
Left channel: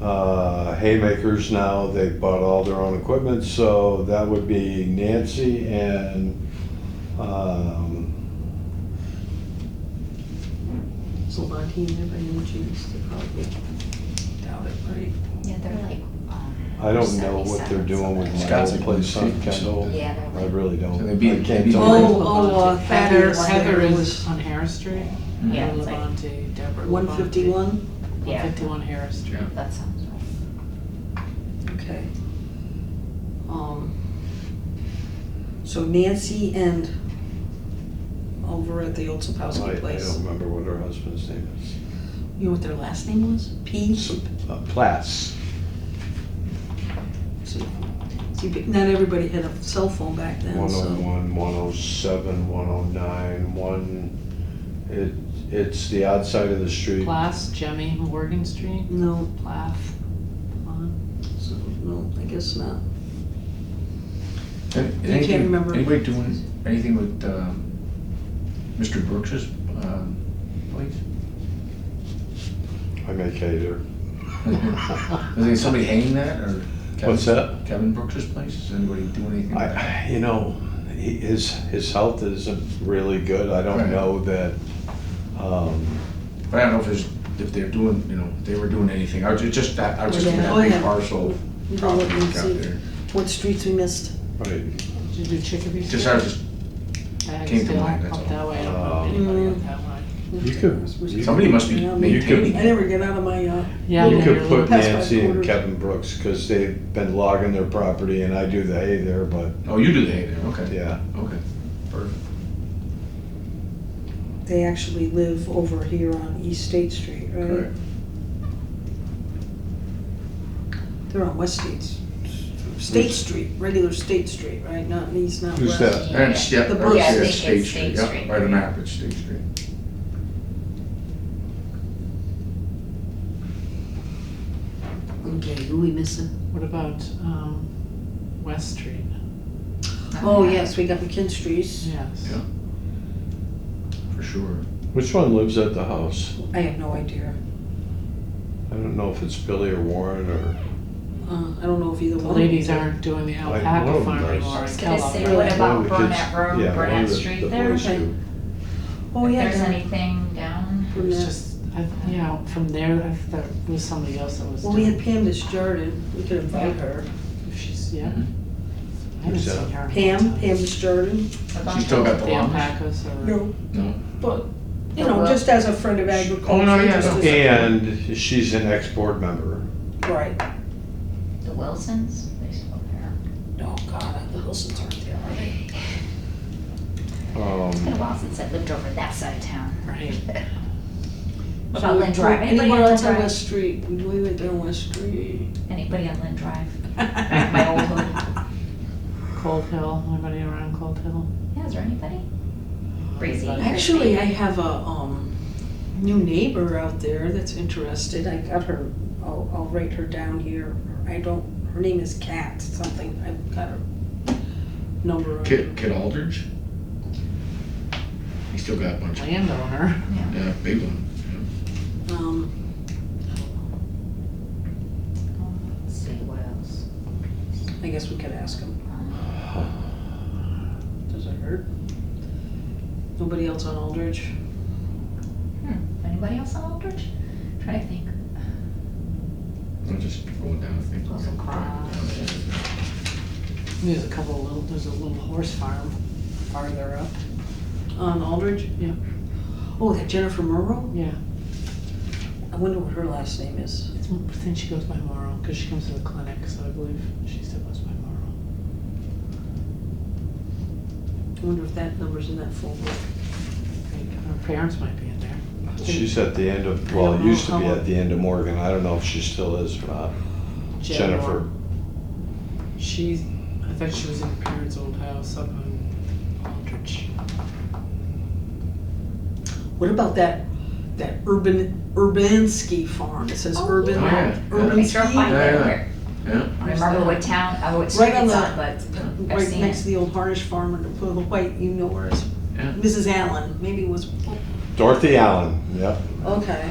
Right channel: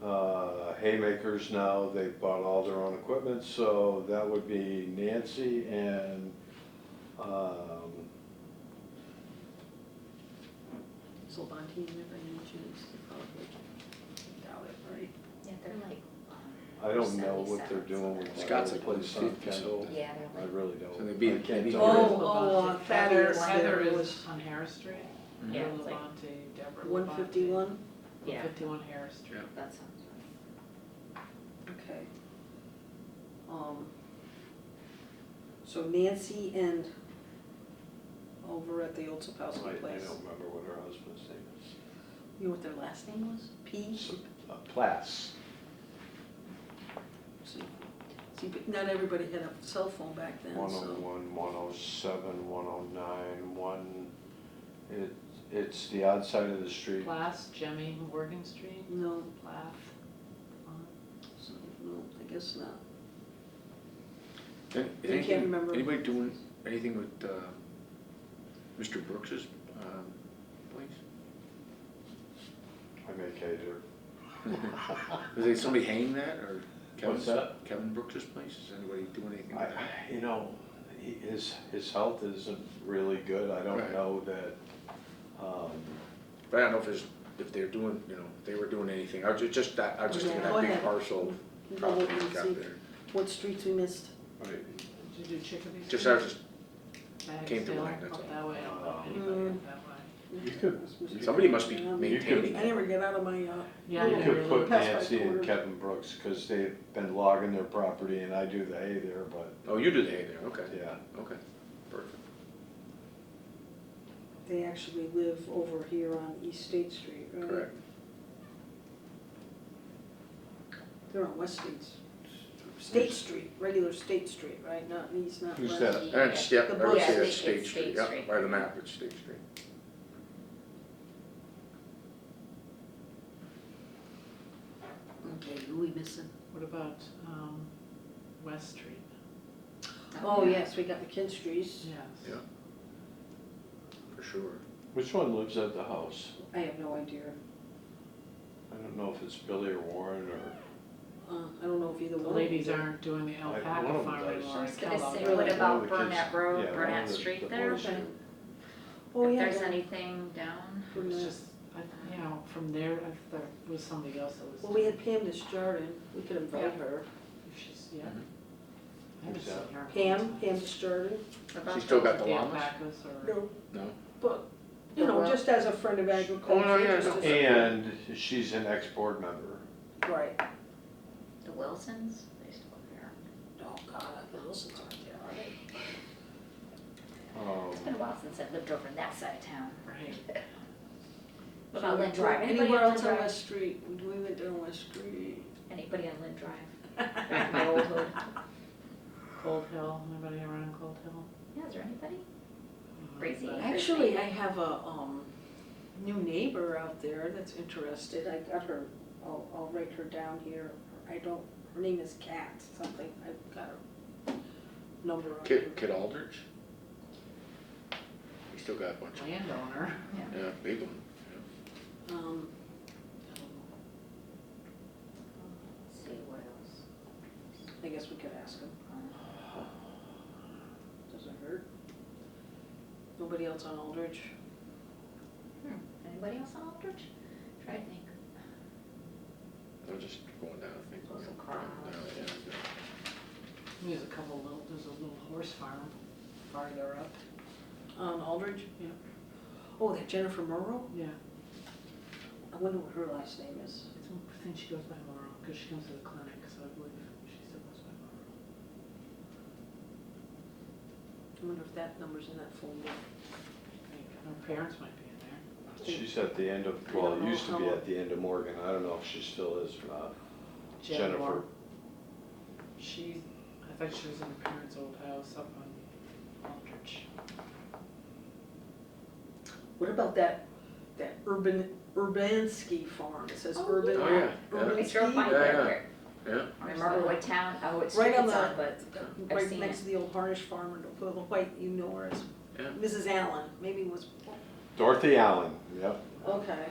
Haymakers now, they bought all their own equipment, so that would be Nancy and, Solvanti, there by any chance, they probably doubt it, right? Yeah, they're like, I don't know what they're 77 doing with my Scott's old like place on 50 Kendall. something. Yeah, they're I like, really So don't, they'd be- I can't they'd be tell like- you. Heather, Thaddeus Heather there is was on Harris Street. Yeah, Heather it's like- Levante, Deborah Levante. 151? Yeah. 151 Harris Street. Yeah. that sounds right. Okay. So Nancy and, oh, over at the old I Sapowski place. don't remember what her husband's name is. You know what their last name was? P? Platts. See, but not everybody had a cell phone back then, so. 101, 107, 109, it's the odd side of the street. Plath, Jemmy, Morgan Street, No, Plath. so, no, I guess not. And You can't remember. Anybody doing anything with, Mr. Brooks's, place? I may cater. Is there somebody hanging that, or? What's that? Kevin Brooks's place, is anybody doing anything with that? You know, his health isn't really good. I don't Right. know that, But I don't know if they're doing, if they were doing anything, I was just that, I was just Yeah. that Oh, big yeah. parcel You can look property and out see there. what streets we missed. right, Did you do Chicopee Street? Just, I was just, I came to stay mind, that's up all. that way, I don't know anybody up that way. you could, somebody must be Yeah, maintaining I it. never get out of my, Yeah, you I could never put Past my Nancy and quarters. Kevin Brooks, cause they've been logging their property and I do the hay there, but, Oh, you do the hay there, okay. yeah. Okay, perfect. they actually live over here on East State Street, right? Correct. They're on West State Street, regular State Street, right, not East, not Who's West. that? And, yeah, The that's Brooks. Yeah, I it, think State it's Street, State yeah, Street. by the map, it's State Street. Okay, who we missing? What about, West Street? Oh, yes, we got McKinstry's. Yes. Yeah. For sure. Which one lives at the house? I have no idea. I don't know if it's Billy or Warren or, I don't know if either The one. ladies aren't doing the one alpaca of them farm does. anymore. I was in gonna Kellogg. say, Really? what about One of the Burnett kids- Road, yeah, one of Burnett the- Street the there? boys Okay. do. Oh, If yeah. there's down- anything down, It was Burnett. just, from there, I thought it was somebody else that was Well, we had doing, Pam Desjardins, we could invite her. if she's, yeah. Mhm. I haven't Who's that? seen her. Pam Desjardins. a bunch She still got of, the The llamas? alpacas or? No, No? but, you Oh, know, well. just as a friend of agriculture. Oh, no, yeah, just no. as a- And she's an ex-board member. Right. the Wilsons, they still there. Oh, God, the Wilsons aren't there, are they? It's been a while since I lived over that side of town. Right. What about Lynn Drive? Anybody Anywhere on Lynn else on Drive? West Street? We went down West Street. Anybody on Lynn Drive? My old hood. Cold Hill, anybody around Cold Hill? Yeah, is there anybody? Breezy. Actually, I have a, new neighbor out there that's interested. I got her, I'll write her down here. Her name is Kat something. I've got her number. on Kid Aldridge? He still got a bunch of, Landowner. Yeah. yeah, big one, Let's see, what else? I guess we could ask him. Does it hurt? Nobody else on Aldridge? Anybody else on Aldridge? Trying to think. I'm just rolling down, I think. Close and cross. There's a little horse farm farther up. On Aldridge? Yeah. Oh, that Jennifer Murrow? Yeah, I wonder what her last name is. I think she goes by Morrow, because she comes to the clinic, so I believe she still goes by Morrow. I wonder if that number's in that full book. Her parents might be in there. She's at the end of, I well, don't it know used to be how- at the end of Morgan. I don't know if she still is or not. Jennifer. I thought she was in her parents' old house up on Aldrich. What about that Urbanski farm? It says Oh, Urban, yeah. Oh, yeah, yeah. We drove by Urbanski, there. Yeah, yeah. I remember what town, what street right on it's the, on, but I've right seen next to it. the old Harnish farm, and the white, you know where it's, Yeah. Mrs. Allen, maybe it was, Dorothy Allen, yep. okay.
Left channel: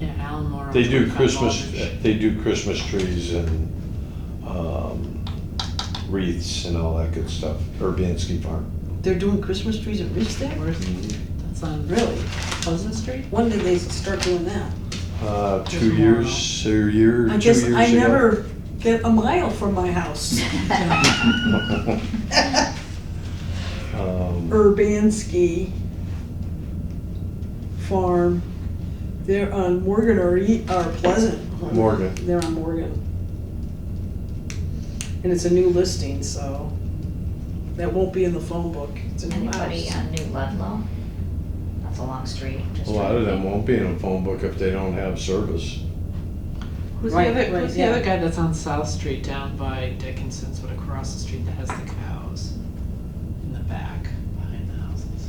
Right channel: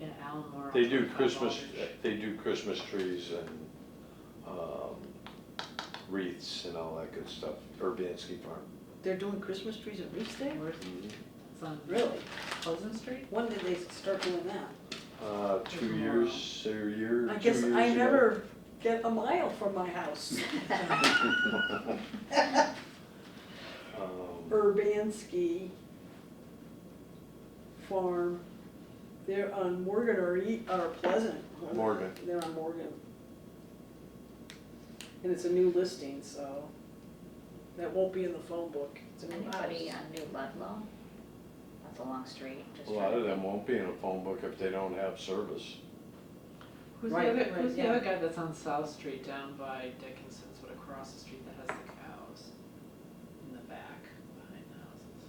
Yeah, Alan Morrow. They do 25 Christmas, Aldrich. they do Christmas trees and, wreaths and all that good stuff. Urbanski Farm. They're doing Christmas trees at Ridge there? Where's it? That's on Really? Pleasant Street? When did they start doing that? 2 years, or a year, 2 I years guess ago. I never get a mile from my house. Urbanski Farm. They're on Morgan or Pleasant. Morgan. They're on Morgan. And it's a new listing, so that won't be in the phone book, it's in the Anybody house. on New Ludlow? That's a long street. just A lot right of them there. won't be in a phone book if they don't have service. Who's Right, the other, right, who's the yeah. other guy that's on South Street down by Dickinson's, but across the street that has the cows in the back, behind the houses?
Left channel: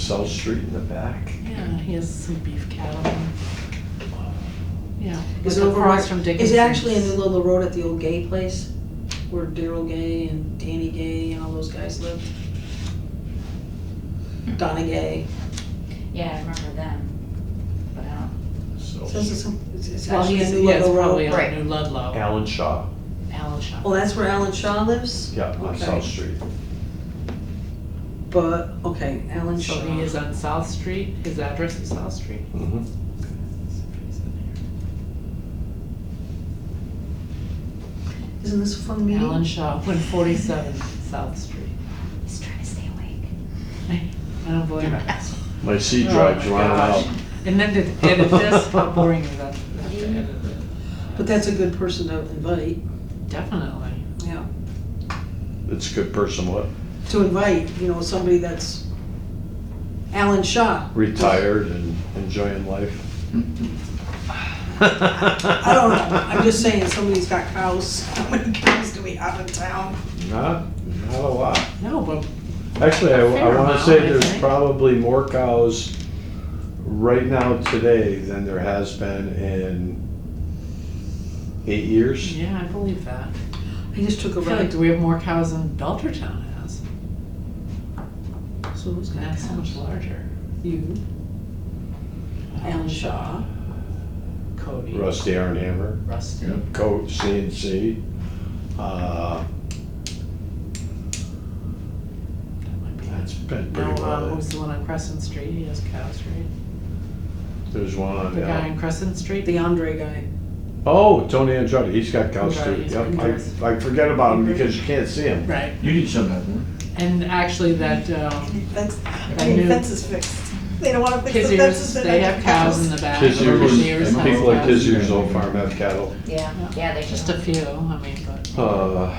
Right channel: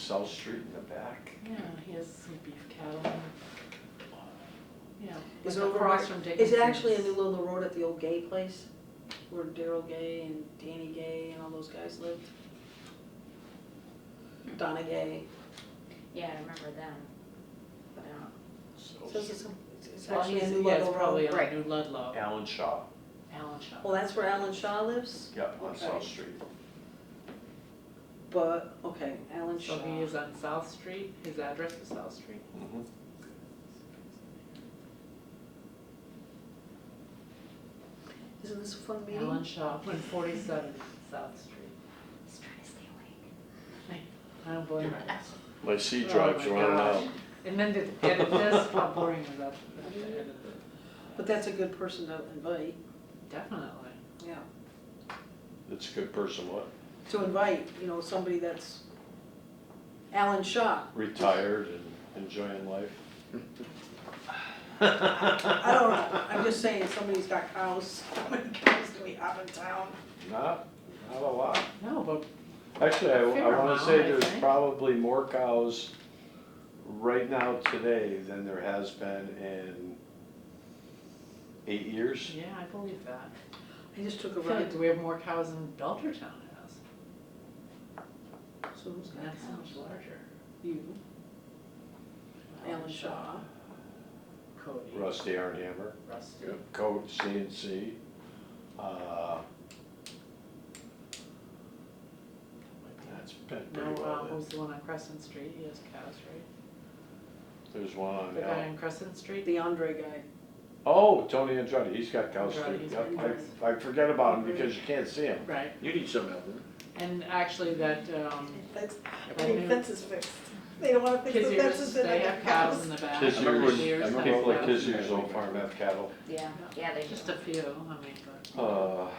South Street in the back. Yeah, he has some beef cattle. Yeah, Is like it over across right- from Is Dickinson's. it actually in New Ludlow Road at the old Gay place? Where Daryl Gay and Danny Gay and all those guys lived? Donna Gay. Yeah, I remember them, but I don't, So, Says it's Well, actually he's, in New yeah, it's Ludlow probably Road. on Right. New Ludlow, Alan Shaw, Allen Shop. Oh, that's where Alan Shaw lives? yeah, on Okay. South Street. But, okay, Alan Shaw. So he is on South Street, his address is South Street? Mhm. Isn't this a fun meeting? Allen Shaw, 147 South Street. he's trying to stay awake. I don't believe it. My C Oh drive's my running gosh. out. And then to edit this, how boring is that? To edit it? But that's a good person to invite, Definitely. yeah. It's a good person, what? To invite, somebody that's Alan Shaw. Retired and enjoying life. I don't know, I'm just saying, somebody's got cows. How many cows do we have in town? Not a lot. No, but Actually, I Fair wanna amount, say I there's think. probably more cows right now today than there has been in 8 years. yeah, I believe that. I just took a I feel like ride. do we have more cows than Belchertown has? So who's got And that's so much cows? larger. You, Alan Shaw. Cody. Rusty Arnhammer, Rusty. Yeah. Coat, CNC. That might be. That's been No, pretty well. who's the one on Crescent Street? He has cows, right? There's one on The guy the, on Crescent Street? The Andre guy. oh, Tony Andretti, he's got cows Right, too. he's Yep, got cows. I forget about him because you can't see him. Right. You need some of that, And actually that, Fence, I mean, fence is fixed. They don't wanna fix the Kizzers, fences. they have cows in the back. Kizzers, Shears and have people like cows. Kizzers Old Farm have cattle. Yeah, yeah, they Just do. a few, I mean, but.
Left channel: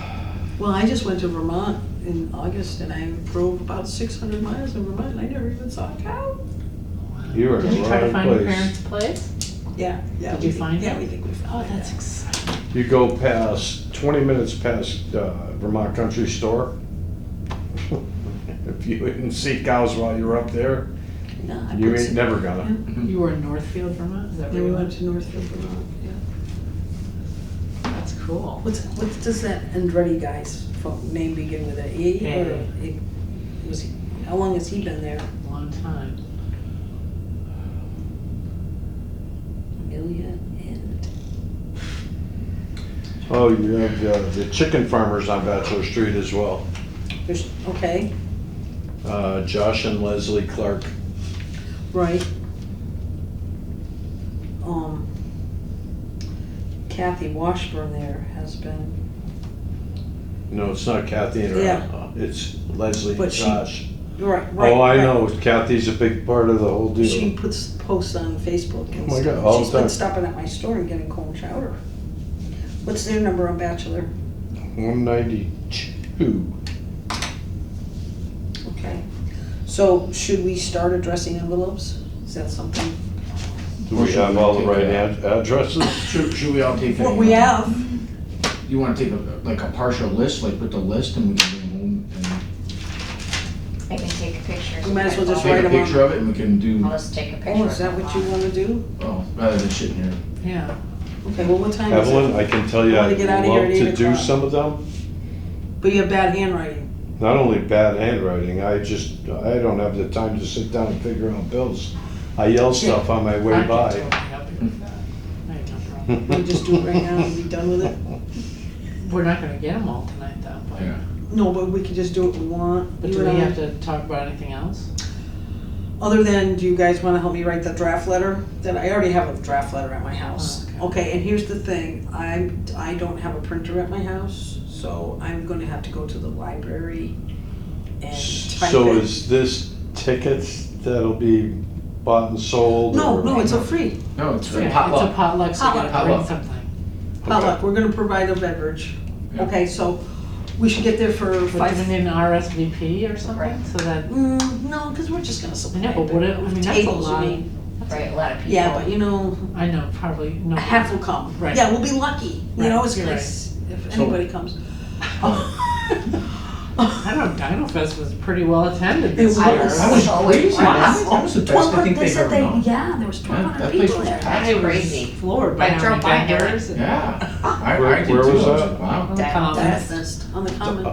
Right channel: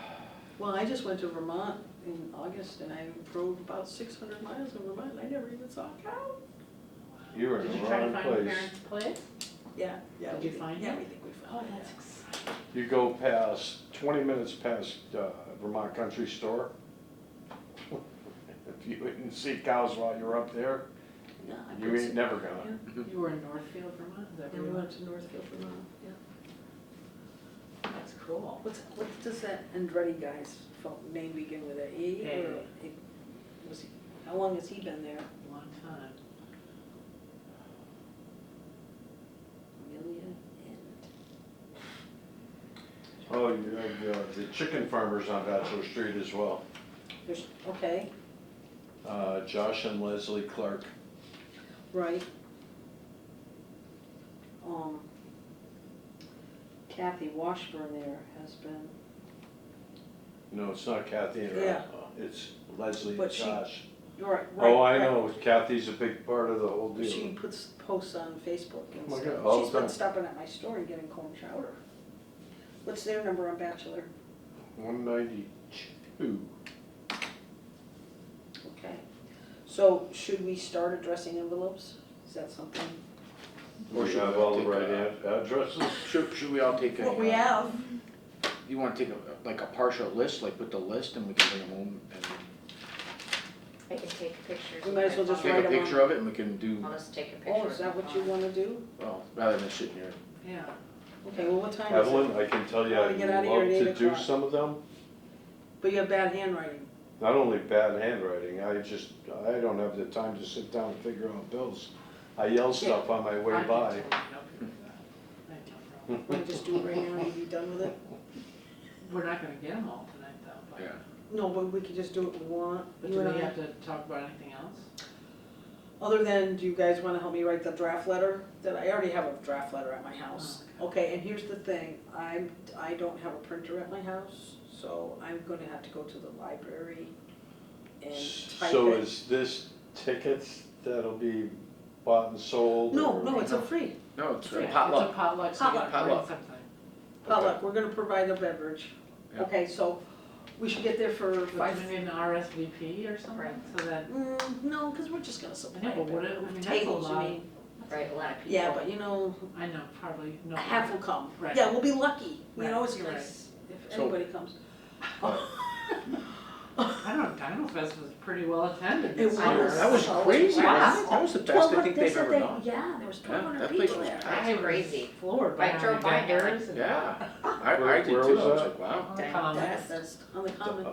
Well, I just went to Vermont in August and I drove about 600 miles in Vermont and I never even saw a cow. You were in Did the you try to wrong find your place. parents' place? Yeah, yeah. Did we you think- find Yeah, it? we think we Oh, found it. that's exciting. You go past, 20 minutes past Vermont Country Store. If you didn't see cows while you were up there, No, I you put ain't some- never gonna. right? You were in Northfield, Vermont, is that Yeah, where we you went went? to Northfield, Vermont, yeah. That's cool. What does that Andretti guy's name begin with, a E or how long has he been there? Long time. Amelia and, Oh, you have the chicken farmers on Bachelor Street as well. there's, okay, Josh and Leslie Clark. right. Kathy Washburn there has been, No, it's not Kathy and Yeah. it's Leslie and But she- Josh. right. Oh, I right. know, Kathy's a big part of the whole deal. She puts posts on Facebook and Oh my stuff. God, all She's the been time. stopping at my store and getting corn chowder. What's their number on Bachelor? 192. Okay. So should we start addressing envelopes? Is that something? Do we have all the right addresses? Should we all take What we have. You wanna take like a partial list, like with the list and we can bring them home and I can take pictures. We might as well just take write a 'em on. picture of it and we can do, I'll just take a picture. Oh, is that of what them you all. wanna do? oh, rather than sitting here. Yeah. Okay, well, what time is Evelyn, it? I can tell you, I wanna I'd get out of here love at to 8 do o'clock. some of them. But you have bad handwriting. Not only bad handwriting, I don't have the time to sit down and figure out bills. I yell stuff on my way I can by. totally help you with that. I have no problem. We'll just do it right now and be done with it. We're not gonna get them all tonight though, but. Yeah. No, but we can just do what we want. But You do and we I. have to talk about anything else? Other than, do you guys wanna help me write the draft letter? Then I already have a draft letter at my house. Oh, Okay, and here's the thing, I don't have a printer at my house, so I'm gonna have to go to the library and type So it. is this tickets that'll be bought and sold? No, or- no, it's a free No, it's Yeah, a it's a potluck. potluck, so you gotta bring Potluck. something. potluck, we're gonna provide a beverage. Yeah. Okay, so, We should get there for But do we 5. need an RSVP or something, Right. so that, No, because we're just gonna I supply. know, but what, I mean, that's a tables, lot you of, mean. Right, a lot of people. Yeah, but you know, I know, probably, no. half will come. Right. Yeah, we'll be lucky. You know, Right, it's you're nice if So- anybody comes. I don't know, Dino Fest was pretty well attended It this year. was. That was Oh, crazy. wow. That was the best I think They they've said ever they, done. yeah, there was Yeah, 1,200 that place people was there. packed. I was Crazy. floored by I how drove many by and there vendors and. Yeah, I Where- did too. where was I was that? like, wow. On the That- common. that's- Fest on the common.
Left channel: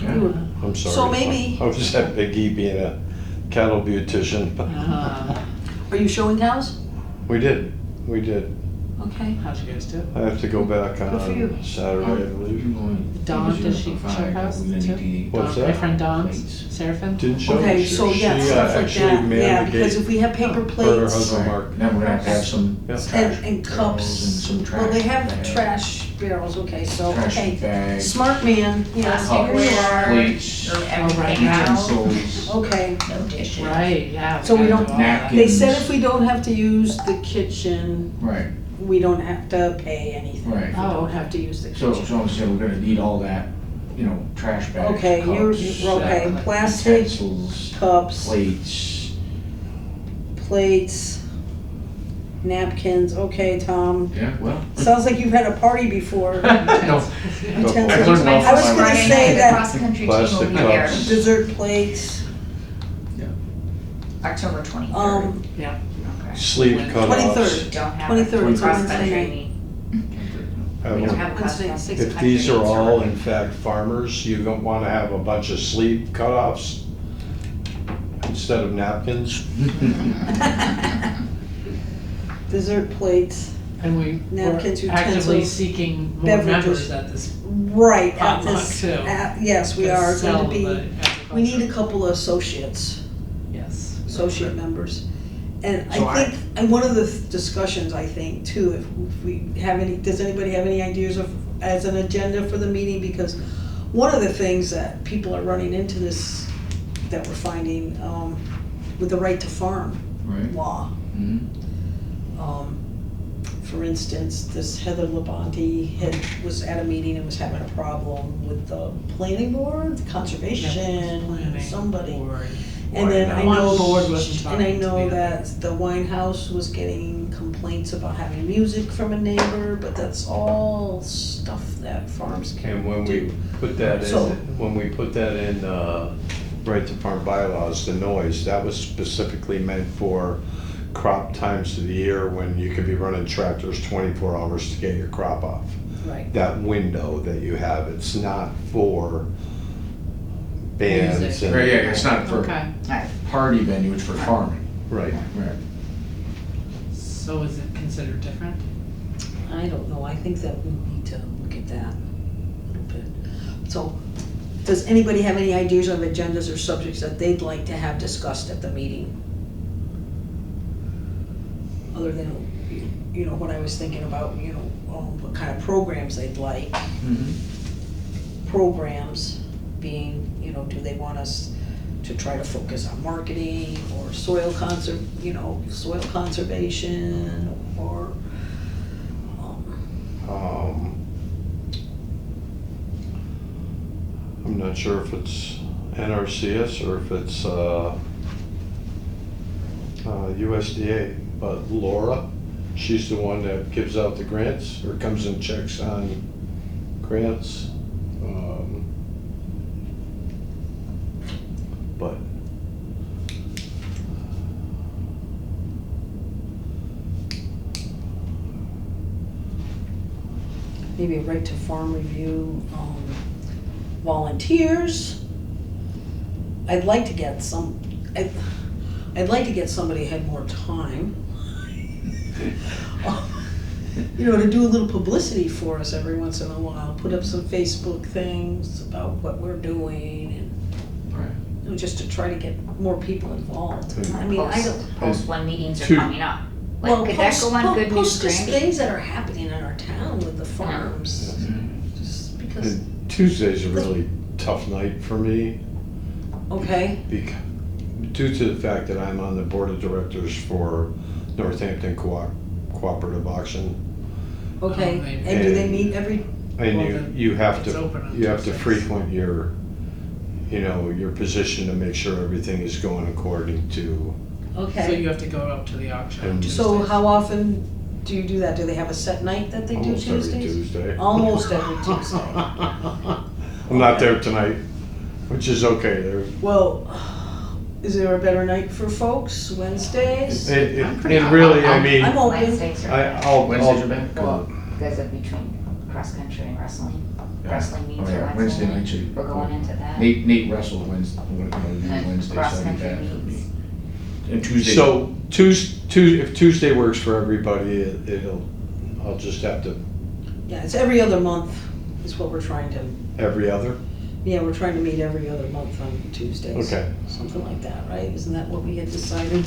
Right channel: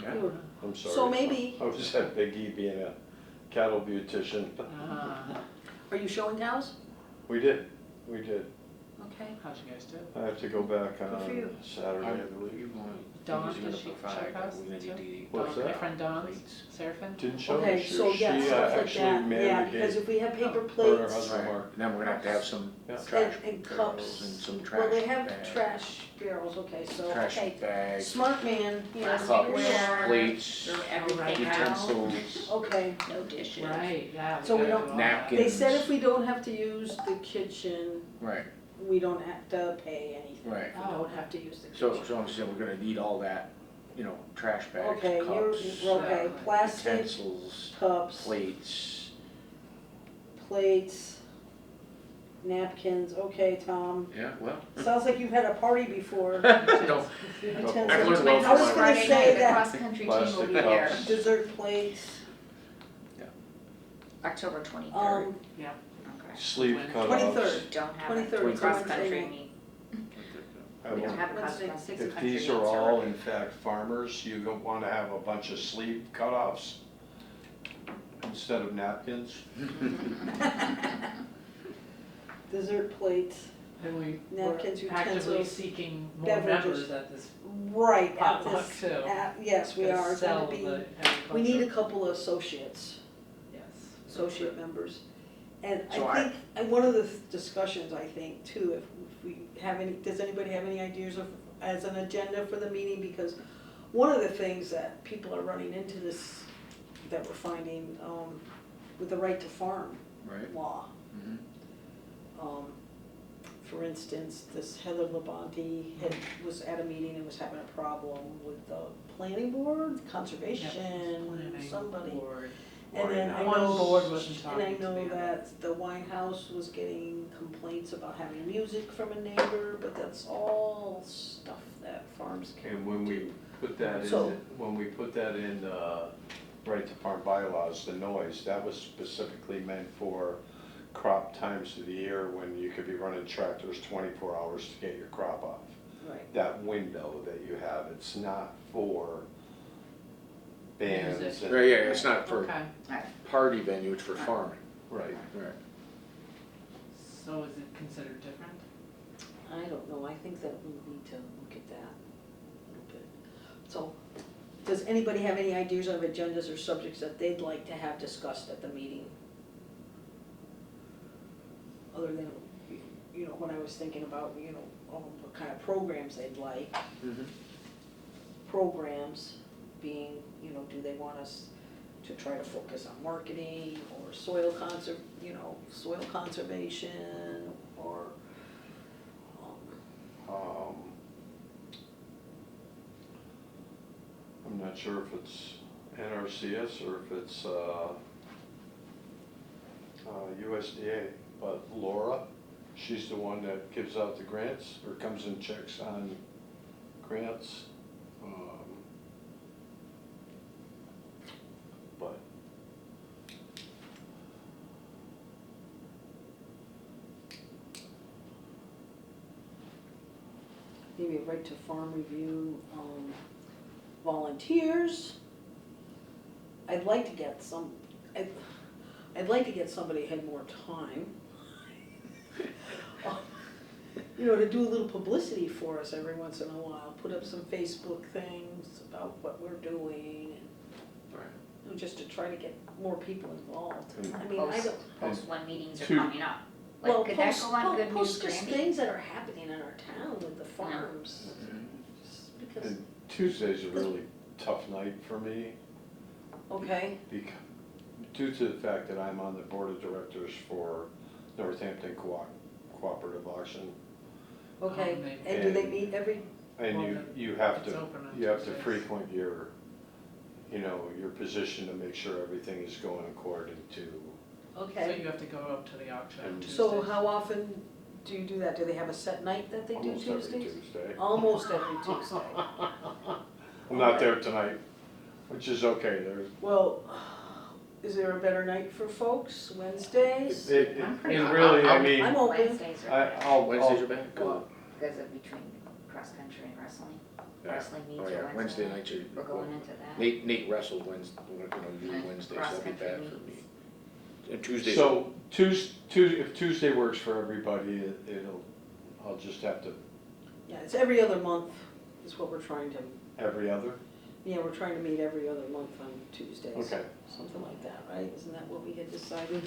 Yeah. We were- I'm sorry. So maybe- I was at Big E being a cattle beautician. Are you showing cows? We did. Okay. How'd you guys do? I have to go back Good for you. on Saturday, I believe. Dawn, did she show house too? What's My that? friend Dawn, Plates. Seraphim? Didn't show. Okay, so yeah, she, stuff like actually that. manned Yeah, the because gate. if we have paper Her and her plates husband Mark. Now we're gonna have some Yeah. trash and barrels cups. and some trash. Well, they have bags, trash barrels, okay, so, Trash okay. bags, Smart man, yes, Plastic here you are. plates, Throw right everything now. out, utensils. Okay, no dishes. Right, yeah. So we gotta don't- do all that. Napkins. they said if we don't have to use the kitchen, Right, we don't have to pay anything. Right. If we Oh, don't okay. have to use the so, kitchen. so we're gonna need all that, trash bags, Okay, cups, okay, Yeah. plastic, utensils, cups, plates. plates, napkins, okay, Tom. Yeah, well. Sounds like you've had a party before. No, Utensils. I've learned My an awful I was first gonna lot. Friday say night, the that- cross-country team will Plastic be there, cups. Dessert plates, October 23rd. Yeah. Okay. Sleeve When- cutoffs. 23rd. Don't have 23rd, a it's a Wednesday cross-country night. meet. I We will- don't have a Wednesday, cross-country. 6 If these are meets all already. in fact farmers, you don't wanna have a bunch of sleeve cutoffs instead of napkins. Dessert plates, And we were Napkins, actively utensils, seeking more beverages. members at this. right, at Potluck, this, too. yes, we to are sell going to be, the we need a agriculture. couple of associates, Yes. associate members. And So I think, and one of the discussions, I think, too, if we have any, does anybody have any ideas of, as an agenda for the meeting? Because one of the things that people are running into this, that we're finding, with the right to farm Right. law. Mhm. For instance, this Heather Labonte was at a meeting and was having a problem with the planning board, conservation, Planning somebody. board. And then I One know, board wasn't and I talking to know me. that the wine house was getting complaints about having music from a neighbor, but that's all stuff that farms And can when we do. put that in, So- right to farm bylaws, the noise, that was specifically meant for crop times of the year when you could be running tractors 24 hours to get your crop off. Right, That window that you have, it's not for bands Music. and. Right, yeah, it's not for Okay, Alright, party venue, it's for farming. Right. Right. so is it considered different? I don't know, I think that we need to look at that a little bit. So, does anybody have any ideas of agendas or subjects that they'd like to have discussed at the meeting? Other than, what I was thinking about, what kind of programs they'd like. Mhm. Programs being, do they want us to try to focus on marketing or soil conservation or, I'm not sure if it's NRCS or if it's USDA, but Laura, she's the one that gives out the grants or comes and checks on grants. But maybe a right to farm review, volunteers. I'd like to get I'd like to get somebody who had more time. To do a little publicity for us every once in a while, put up some Facebook things about what we're doing Right. and, just to try to get more people involved. Mm. I mean, I don't. post when meetings are Two- coming up. Well, Like, could that post- go on po- Good News Post just Granby? things that are happening in our town with the farms, Mhm. just because, and Tuesday's a really tough night for me okay, due to the fact that I'm on the board of directors for Northampton Cooperative Auction. okay, maybe. and do they And- meet every And Well, then you have it's open on to Tuesdays. frequent your, your position to make sure everything is going according to, So Okay, you have to go up to the auction on And- Tuesdays. so how often do you do that? Do they have a set night that they do almost every Tuesdays? Tuesday. Almost every Tuesday. I'm not there tonight, which is okay, Well, is there a better night for folks? Wednesdays? and really, I mean, I'm open. Wednesdays are. Wednesdays are better? Well, because of between cross country and wrestling. Yeah. Wrestling meets Oh, yeah, Wednesday nights are. We're going into that. Nate wrestled Wednesday, And Wednesdays, cross that'd be country bad for me. meets. And Tuesday. so if Tuesday works for everybody, I'll just have to, Yeah, it's every other month is what we're trying to, every other, yeah, we're trying to meet every other month on Tuesdays. okay. Something like that, right? Isn't that what we had decided?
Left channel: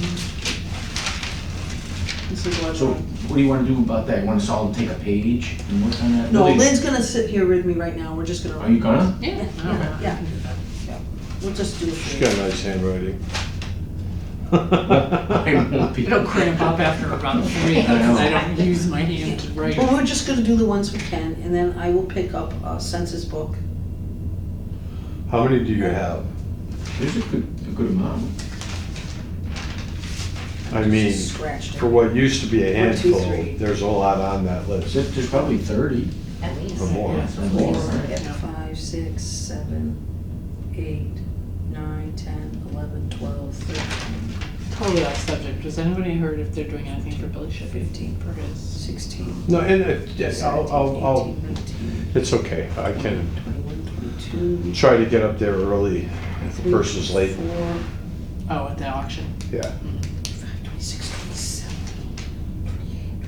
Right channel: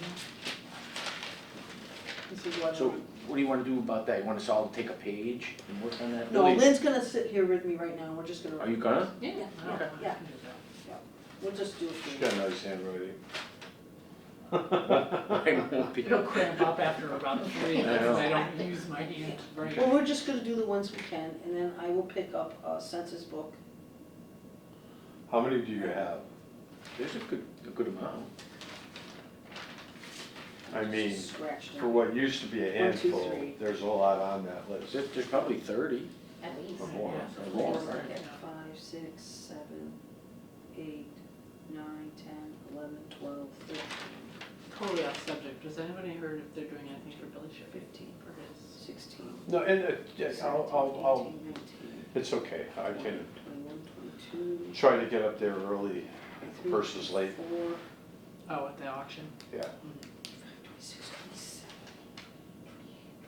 This is what. So what do you wanna do about that? You want us all to take a page and work on that? No, Really? Lynn's gonna sit here with me right now. We're just gonna. Are you gonna? Yeah, Yeah, okay. yeah. We'll just do it She's for got you. nice handwriting. I won't be. It'll cramp up after about 3 because I don't use my hand to write. Well, we're just gonna do the ones we can, and then I will pick up a census book. How many do you have? There's a good amount. I mean, Scratched it. for what used to be a 1, 2, handful, 3. there's a lot on that list. There's probably 30 At least. or more. Yeah, or more. more. Yeah. 5, 6, 7, 8, 9, 10, 11, 12, 13, Totally off subject. Has anybody heard if they're doing anything for Billy Shippey 15, for his? 16. No, and yes, 17, I'll, 18, 19, it's okay. I can 21, 22, try to get up there early 23, versus late. 24, Oh, at the auction. Yeah. 26, 27, 28,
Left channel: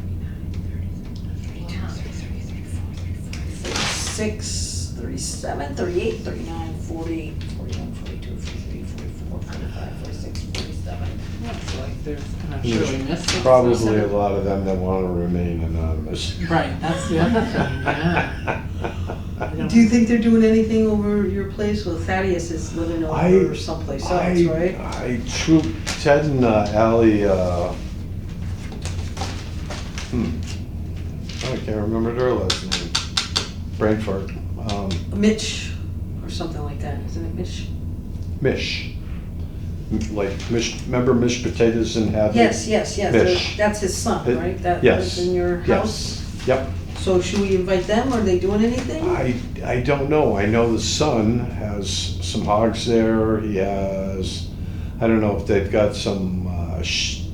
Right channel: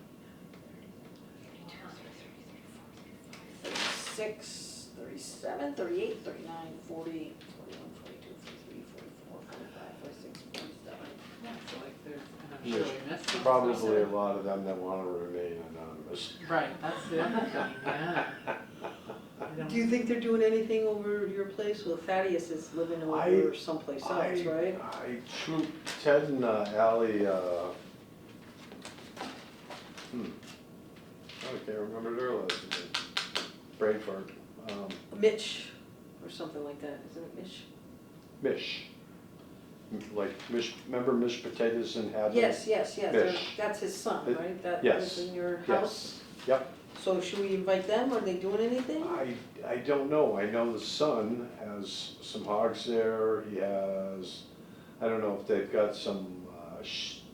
29, 30, 32, 33, 34, 35, 36, 37, 38, 39, 40, 41, 42, 43, 44, 45, 46, 47. Yeah, so like there's, and I'm There's sure we missed it. Probably a lot of them that want to remain anonymous. Right, that's the other thing, yeah. I don't- Do you think they're doing anything over your place? Well, Thaddeus is living over someplace else, right? Ted and Ally, I can't remember their last name. Brain fart. Mitch, or something like that, isn't it Mitch? Mish. Like Mish, remember Mish Potatoes and Hadley? Yes, Mitch. that's his son, It- right? That yes, lives in your house? Yes, yep. So should we invite them? Are they doing anything? I don't know. I know the son has some hogs there. He has, I don't know if they've got some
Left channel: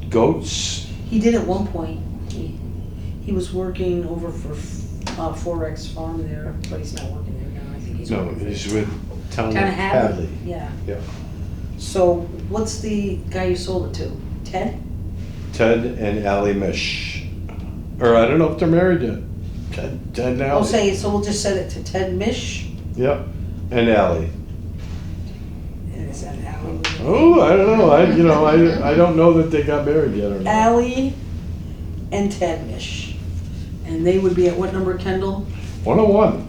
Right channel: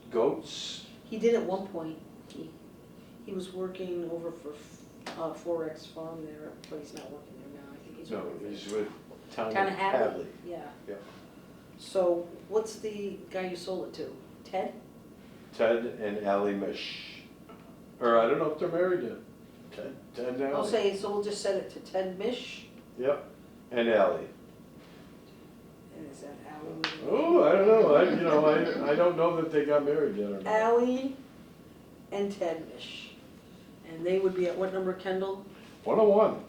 goats. He did at one point. He was working over for Forex Farm there, but he's not working there now. I think he's No, working he's with Town of Town of Hadley. Hadley. Yeah. Yep. So what's the guy you sold it to? Ted? Ted and Ally Mish. Or I don't know if they're married yet. Ted and I'll Ally. say, so we'll just set it to Ted Mish. Yep, and Ally. And is that Ally? Oh, I don't know. I don't know that they got married yet or not. Ally and Ted Mish. And they would be at what number, Kendall? 101.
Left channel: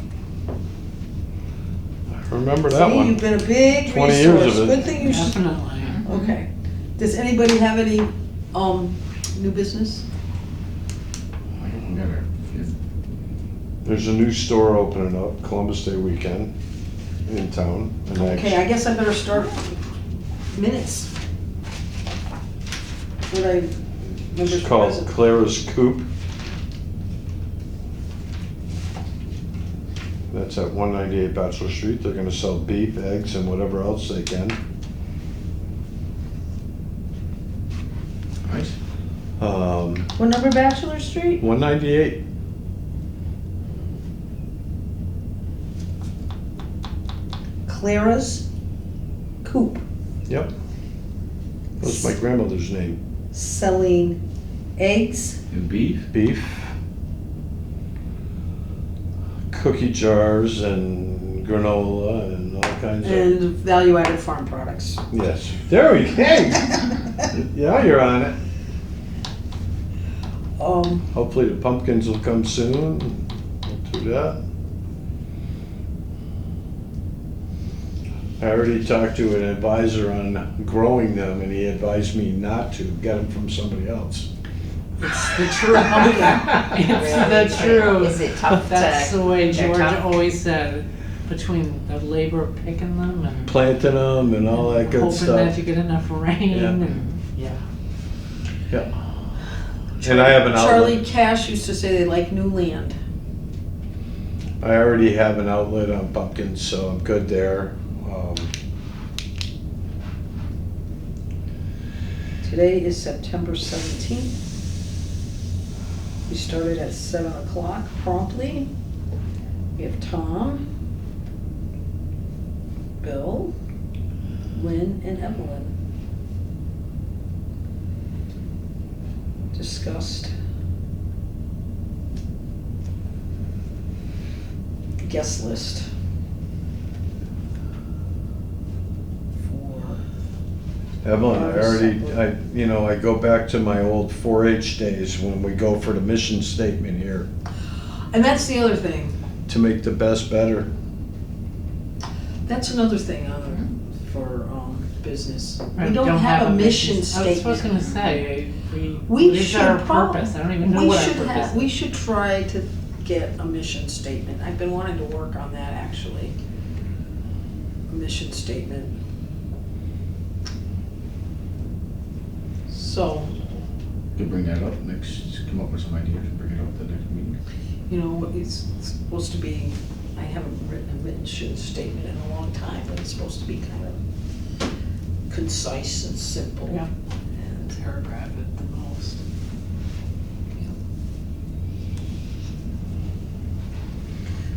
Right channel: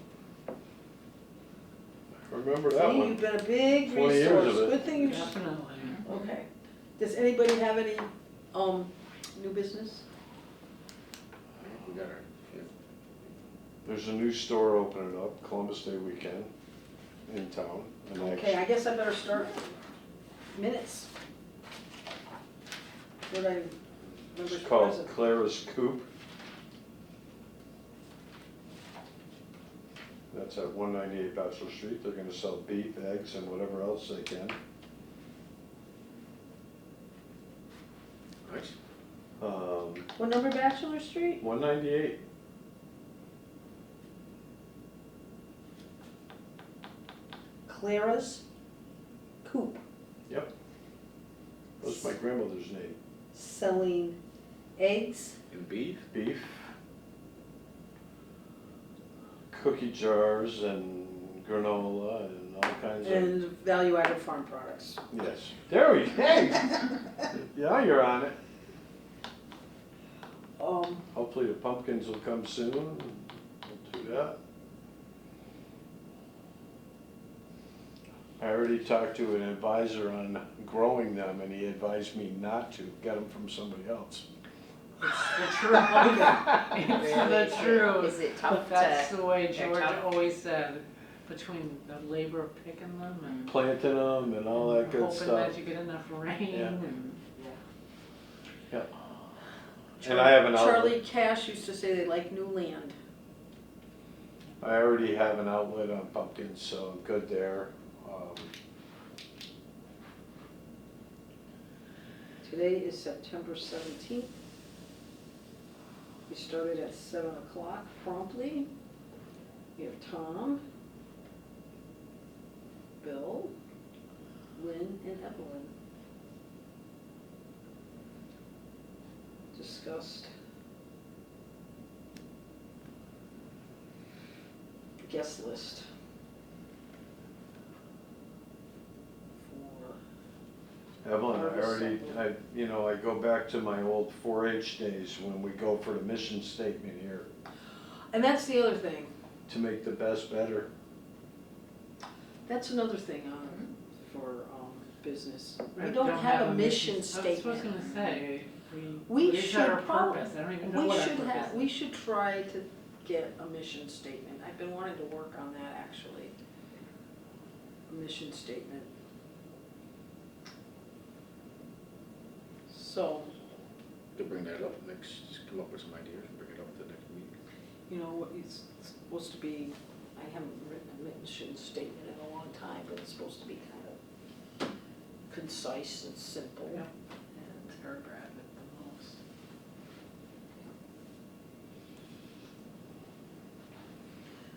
I remember that See, one. you've been a big 20 years resource. of it. Good thing you. Definitely. Okay. Does anybody have any new business? We gotta- There's a new store opening up, Columbus Day weekend, in town. and Okay, I guess I better start minutes. Would I? It's called Clara's Coop. That's at 198 Bachelor Street. They're gonna sell beef, eggs, and whatever else they can. Nice. What number, Bachelor Street? 198. Clara's Coop, Yep. That's my grandmother's name. selling eggs, And beef? Beef, cookie jars, and granola, and all kinds of. and value-added farm products. Yes. There we go. Yeah, you're on it. Hopefully the pumpkins will come soon. We'll do that. I already talked to an advisor on growing them, and he advised me not to get them from somebody else. It's the truth. It's the truth. Is it tough That's to? the way they're George tough? always said, between the labor of picking them and Planting them and all that good hoping that stuff. you get enough rain Yeah. and, yeah. Yeah. And I have an Charlie outlet. Cash used to say they like new land. I already have an outlet on pumpkins, so I'm good there. Today is September 17th. We started at 7 o'clock promptly. We have Tom, Bill, Lynn, and Evelyn. Discussed guest list for Evelyn, I go back to my old 4-H days when we go for the mission statement here, and that's the other thing. to make the best better. That's another thing for business. We Right, don't have a mission I statement. was gonna say, We what is should our prob- purpose? I don't even know we what our should purpose have- is. We should try to get a mission statement. I've been wanting to work on that, actually. A mission statement. So, Could bring that up next, come up with some ideas and bring it up at the next meeting. you know, it's supposed to be, I haven't written a mission statement in a long time, but it's supposed to be kind of concise and simple. Yeah. And Paragraph at the most.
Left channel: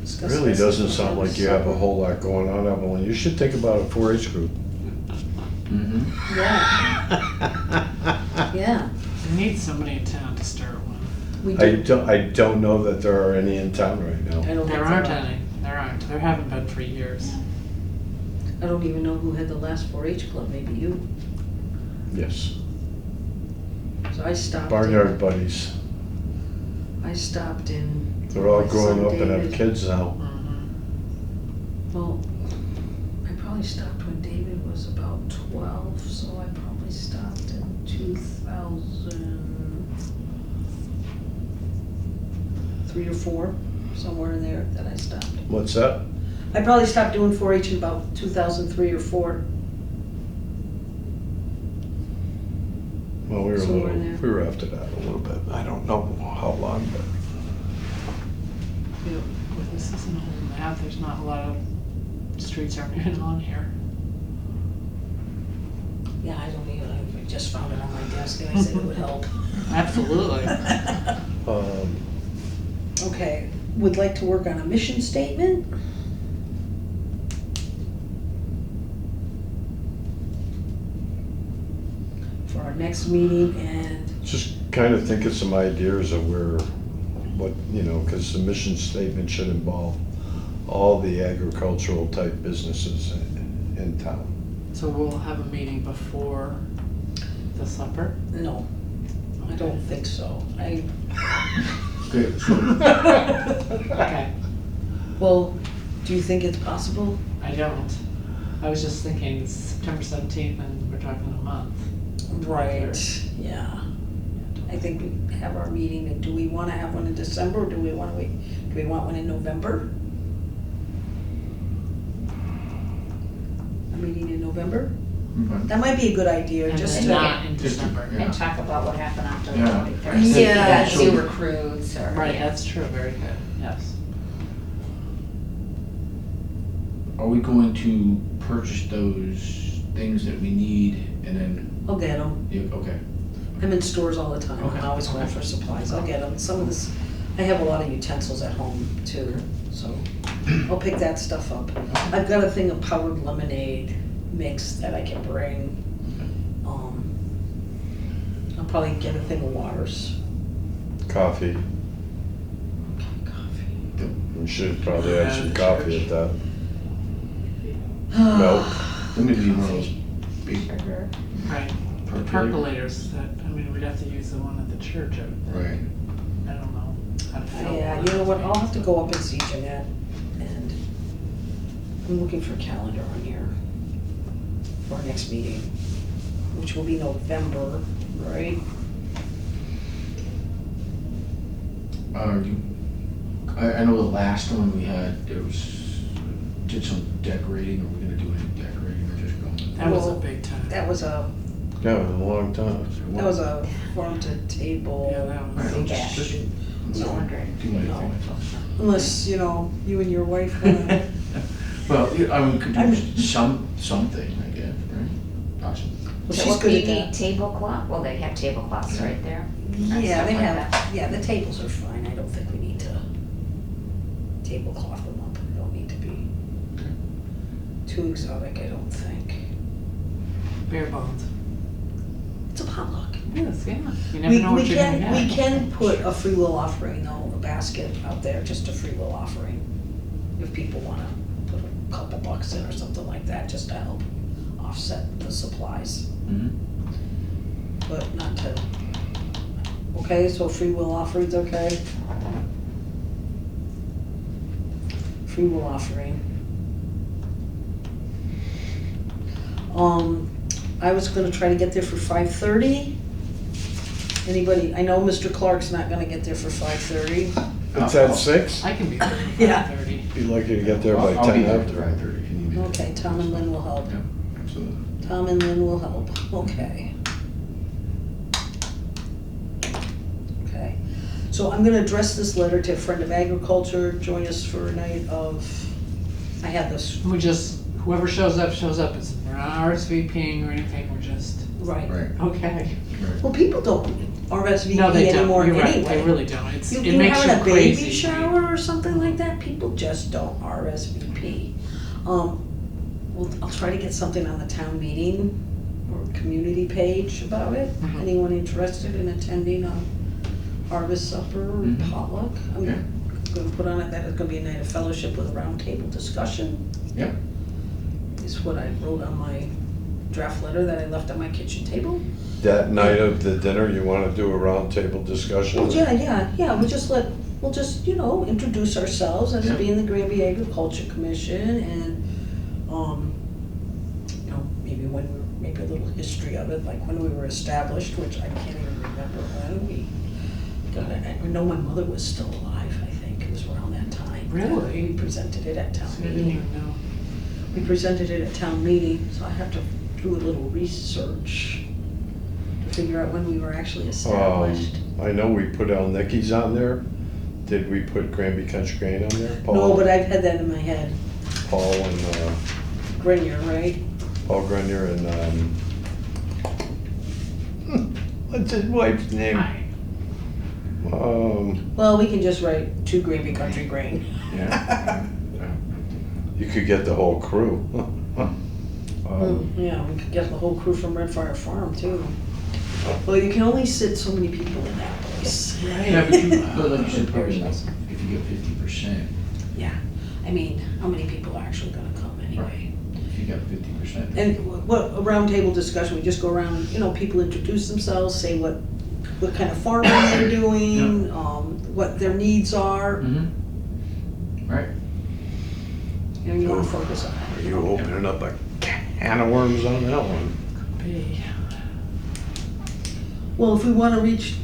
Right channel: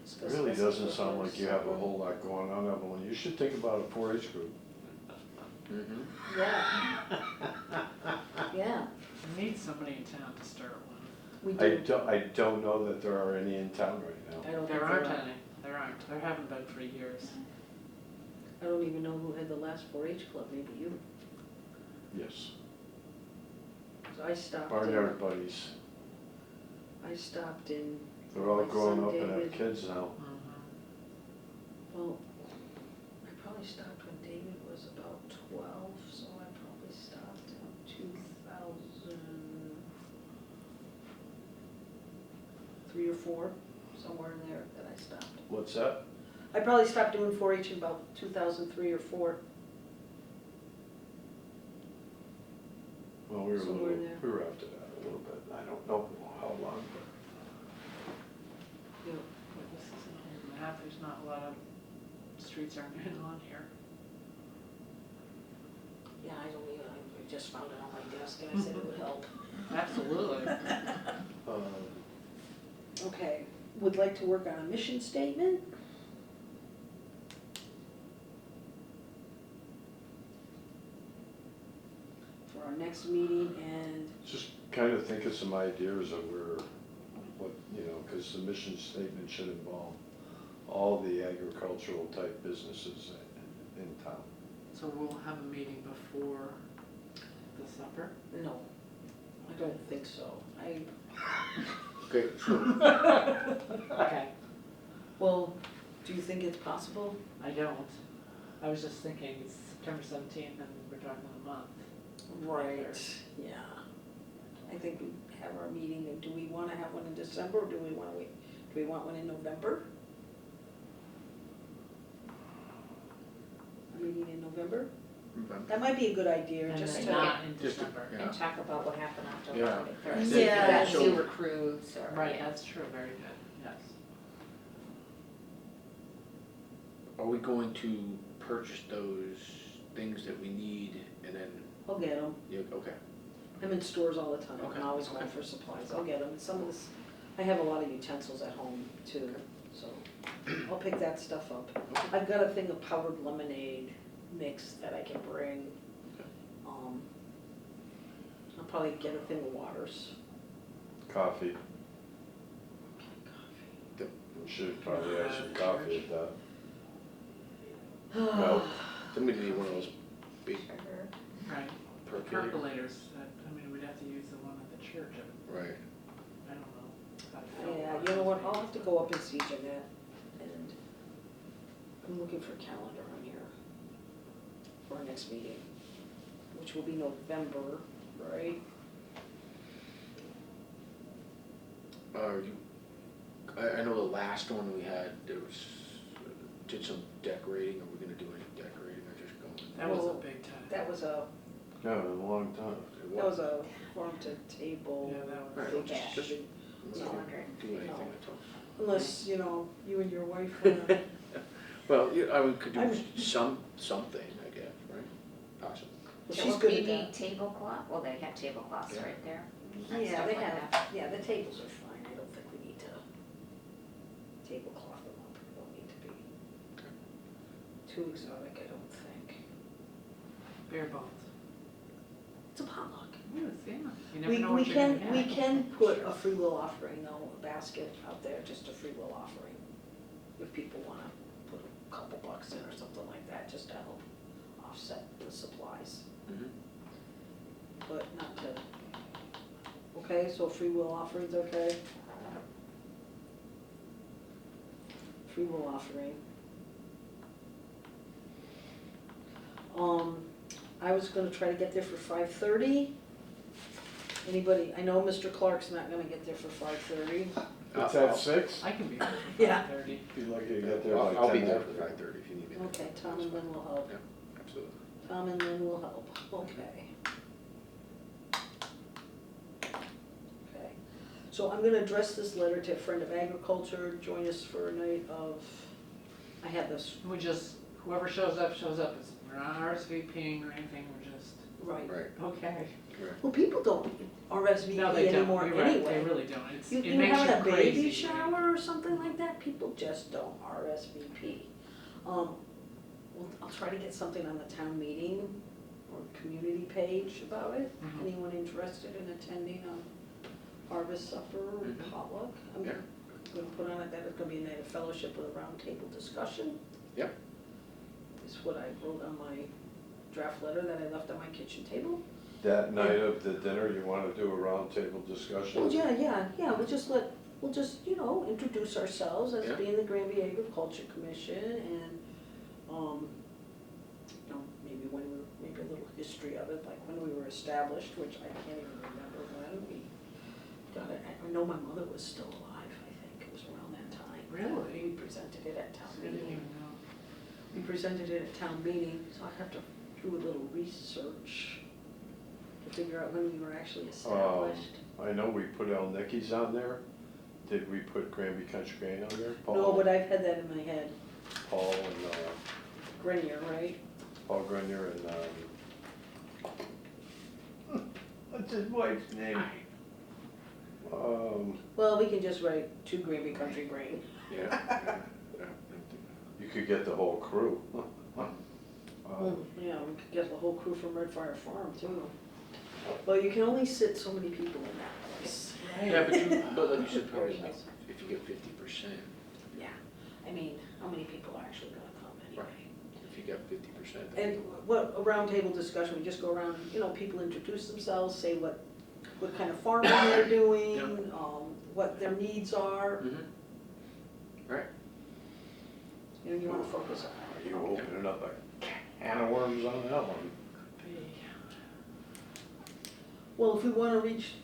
discuss Really this doesn't with sound them like you have a separate. whole lot going on, Evelyn. You should think about a 4-H group. Mm-hmm. Yeah, yeah. We need somebody in town to start one. We I don't know that there are any in town right now. I don't There think aren't are. any, there aren't, there haven't been for years. I don't even know who had the last 4-H club, maybe you. Yes. So I stopped. Barnyard Buddies. I stopped in. They're all my growing son up and have David. kids now. Well, I probably stopped when David was about 12, so I probably stopped in 2003 or 4, somewhere in there that I stopped. What's that? I probably stopped doing 4-H in about 2003 or 4. Well, we were Somewhere in there. we were after that a little bit. I don't know how long, but. Well, this isn't a whole map, there's not a lot of streets aren't even on here. Yeah, I don't even, I just found it on my desk and I said it would help. Absolutely. Okay, would like to work on a mission statement? For our next meeting, and Just kind of think of some ideas of because the mission statement should involve all the agricultural type businesses in town. So we'll have a meeting before the supper? no, I don't think so. Okay, so Okay, Well, do you think it's possible? I don't. I was just thinking it's September 17th and we're talking a month. Right, yeah. I think we have our meeting, and do we wanna have one in December, or do we wanna wait, do we want one in November? A meeting in November? okay. That might be a good idea, And just then to, not in Just- December. yeah. And talk about what happened after the Yeah. 21st. Yeah. If you got new recruits or. Right, that's true, very good, yes. Are we going to purchase those things that we need and then, I'll get them. okay, I'm in stores all the time, Okay. I'm always going for supplies, I'll get them. Some of this, I have a lot of utensils at home too, so I'll pick that stuff up. I've got a thing of powdered lemonade mix that I can bring. I'll probably get a thing of waters. Coffee. Coffee. We should probably have some Yeah, coffee church. at that. Milk. let me do one of those big Sugar. Right, the percolator. percolators, we'd have to use the one at the church, I would think. Right. I don't know how to fill Yeah, one you know of what, those I'll have to things. go up and see Jeanette, and I'm looking for a calendar on here for our next meeting, which will be November, right? I know the last one we had, did some decorating, are we gonna do any decorating or just going? That was a Well, big time. That was a long time. farm to table. Yeah, that was. Alright, Big just- ash. just No. do anything. No. Unless, you know, you and your wife wanna, Well, I mean, could I'm- do something, I guess, right? Possibly. well, So she's what, good you at need that. tablecloth? Well, they have tablecloths Yeah. right there. Yeah, they Stuff like have, that. yeah, the tables are fine, I don't think we need to tablecloth them up, they don't need to be too exotic, I don't think. Bare bones. It's a potluck. Yes, yeah. You never know what you're gonna get. We can put a free will offering though, a basket out there, just a free will offering. If people wanna put a couple bucks in or something like that, just to help offset the supplies, Mm-hmm. but not to. Okay, so free will offering's okay? Free will offering. I was gonna try to get there for 5:30. Anybody, I know Mr. Clark's not gonna get there for 5:30. It's at 6? I can be there for Yeah. 5:30. Be lucky to get there by 10 I'll be there after. after 5:30 if you need me. Okay, Tom and Lynn will help. Yeah, absolutely. Tom and Lynn will help, okay. Okay, so I'm gonna address this letter to a friend of agriculture, join us for a night of, I had this, We just, whoever shows up, shows up. We're not RSVPing or anything, we're just, right. Right, okay. right. Well, people don't RSVP No, they don't. anymore You're right. anyway. They really don't. It's, it You're makes you having a crazy. baby shower or something like that, people just don't RSVP. Well, I'll try to get something on the town meeting or community page about it. Mhm. Anyone interested in attending a harvest supper or Mhm. potluck? I'm Yeah. gonna put on it that it's gonna be a night of fellowship with a roundtable discussion. Yeah. Is what I wrote on my draft letter that I left on my kitchen table. That night of the dinner, you wanna do a roundtable discussion? Well, yeah, we'll just, you know, introduce ourselves as Yeah. being the Granby Agricultural Commission and, you know, maybe a little history of it, like when we were established, which I can't even remember when we got it. I know my mother was still alive, I think, it was around that time. Really? We presented it at town I didn't meeting. even know. We presented it at town meeting, so I have to do a little research to figure out when we were actually established. I know we put Al Nicky's on there. Did we put Granby Country Grain on there? No, Paul- but I've had that in my head. Paul and, Grenier, right? Paul Grenier and, what's his wife's name? Well, we can just write to Granby Country Grain. Yeah. You could get the whole crew. Yeah, we could get the whole crew from Red Fire Farm too. Well, you can only sit so many people in that place. Yeah, but like you said, probably like, if you get 50%, Yeah, I mean, how many people are actually gonna come anyway? if you got 50%. And what, a roundtable discussion, we just go around, you know, people introduce themselves, say what kind of farming they're doing, what their needs are, Mm-hmm. Right. you know, you wanna focus on Are that. you opening up a can of worms on that one? Be. Well, if we wanna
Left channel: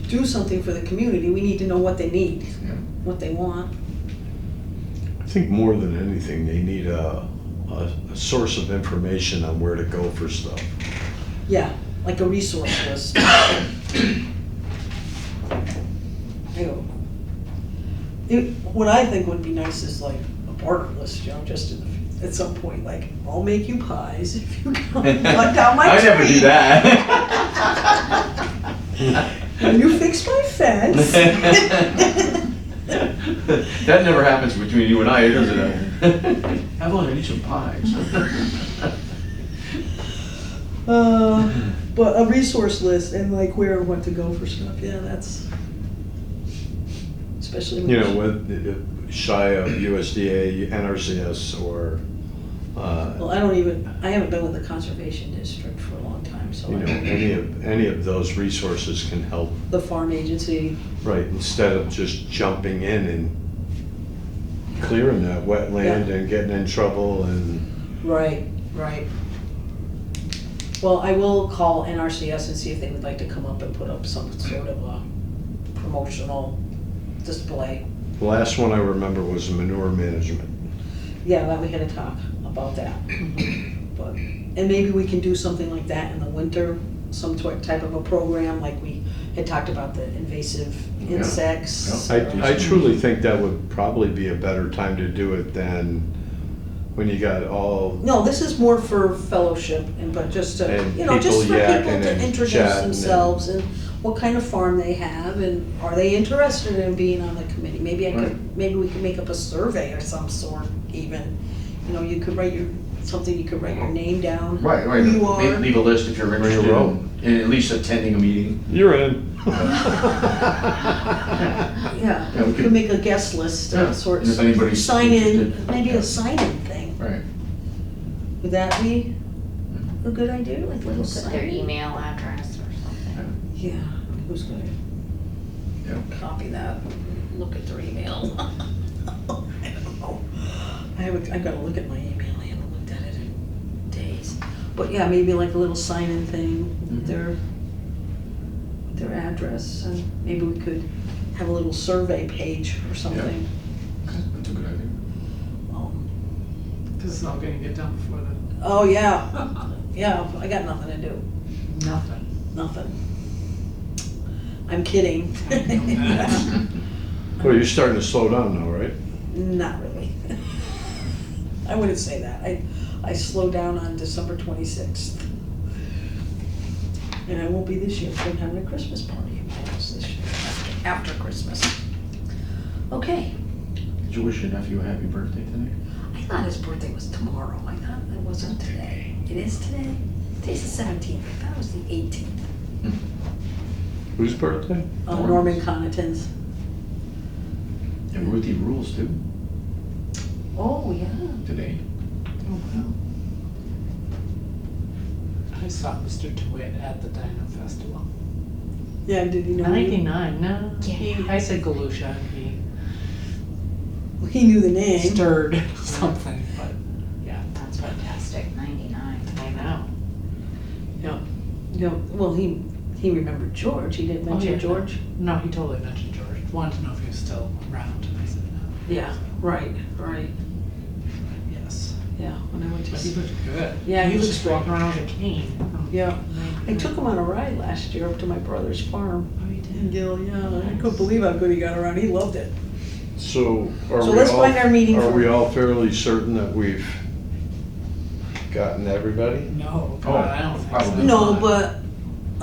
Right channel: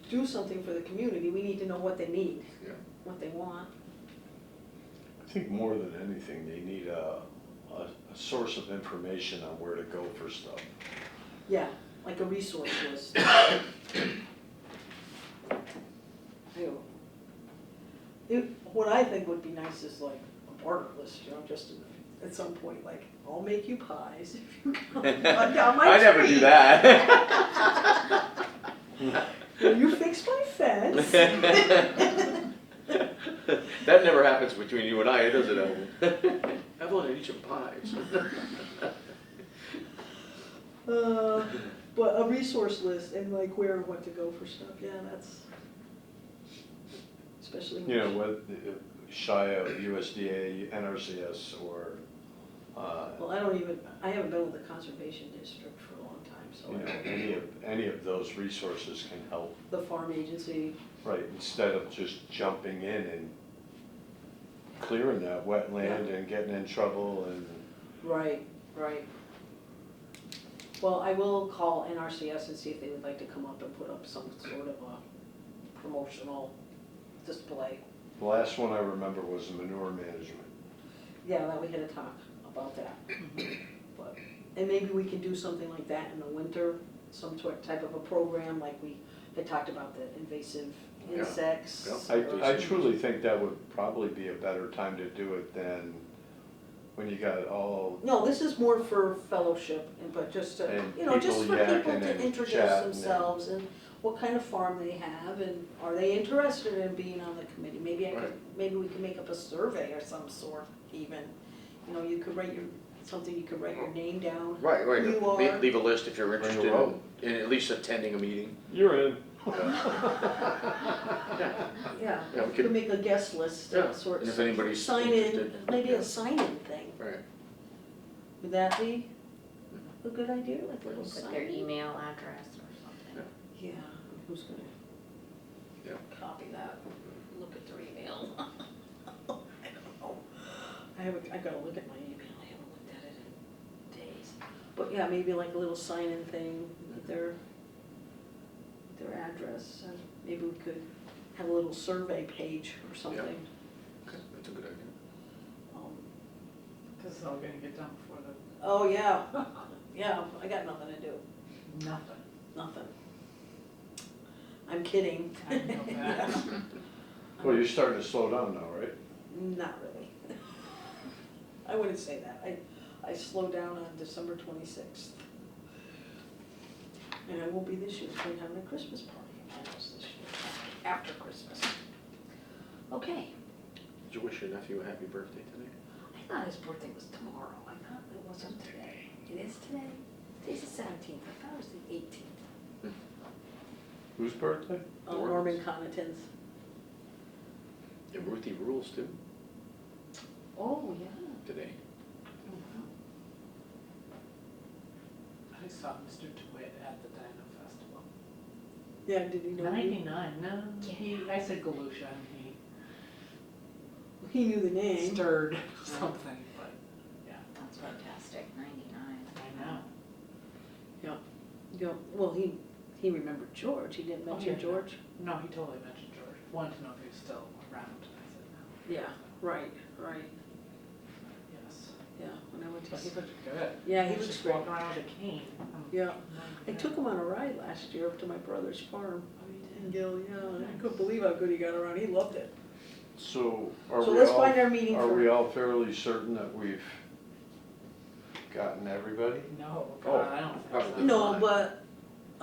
do something for the community, we need to know what they need, Yeah. what they want. I think more than anything, they need a source of information on where to go for stuff. Yeah, like a resource list. What I think would be nice is like a barter list, you know, just at some point, like, I'll make you pies if you come cut down my tree. I never do that. When you fix my fence. That never happens between you and I, does it? Evelyn, I need some pies. But a resource list and like where and what to go for stuff, yeah, that's, especially. You know, with shy of USDA, NRCS, or, Well, I haven't been with the conservation district for a long time, so. you know, any of those resources can help. The farm agency, Right, instead of just jumping in and clearing that wetland and getting in trouble and, right. Well, I will call NRCS and see if they would like to come up and put up some sort of a promotional display. The last one I remember was manure management. Yeah, that we had to talk about that. But, and maybe we can do something like that in the winter, some type of a program, like we had talked about the invasive Yeah. insects. I truly think that would probably be a better time to do it than when you got all, No, this is more for fellowship and, but just to, And you know, just for people people yakking to and introduce chatting themselves and what kind of farm they have and are they interested in being on the committee? Maybe maybe we can make up a survey of some sort even. You know, you could write you could write your name down. Right, right. Who you are. Leave a list if you're interested row. in at least attending a meeting. you're in. Yeah, Yeah, we we could could- make a guest list Yeah, of sorts. and if anybody's Sign in, interested. maybe Yeah. a sign-in thing. Right. Would that be a good idea, like a little Put their sign-in? email address or something. Yeah, who's gonna Yeah. copy that, look at their email? I don't know. I gotta look at my email, I haven't looked at it in days. But yeah, maybe like a little sign-in thing, with their address, and maybe we could have a little survey page or something. Okay, that's a good idea. This is all gonna get done before the, Oh, yeah, yeah, I got nothing to do, nothing. nothing. I'm kidding. I know that. Well, you're starting to slow down now, right? Not really. I wouldn't say that. I slowed down on December 26th. And I won't be this year, because I'm having a Christmas party in my house this year, after Christmas. Okay, Did you wish your nephew a happy birthday today? I thought his birthday was tomorrow. I thought it wasn't today. It is today? Today's the 17th. I thought it was the 18th. Whose birthday? Norman Connaughton's. And Ruthie rules too, Oh, yeah. today. Oh, wow. I saw Mr. DeWitt at the Dino Festival. Yeah, did he know you? 99, no, I said Galusha, he He knew the name. stirred something, but, yeah, That's fantastic, 99. I know. Yeah. Yeah, well, he remembered George. He didn't mention yeah. George. No, he totally mentioned George, wanted to know if he was still around, and I said no. Yeah, right. Yes. Yeah, when I went But to he looked good. Yeah, he was looks just great. walking around with a cane. Yeah, I took him on a ride last year up to my brother's farm. Oh, you In did? Gill, yeah, I couldn't believe how good he got around. He loved it. So are So we let's all, find our meeting are for- we all fairly certain that we've gotten everybody? No, Oh, God, I don't think so. probably No, not. but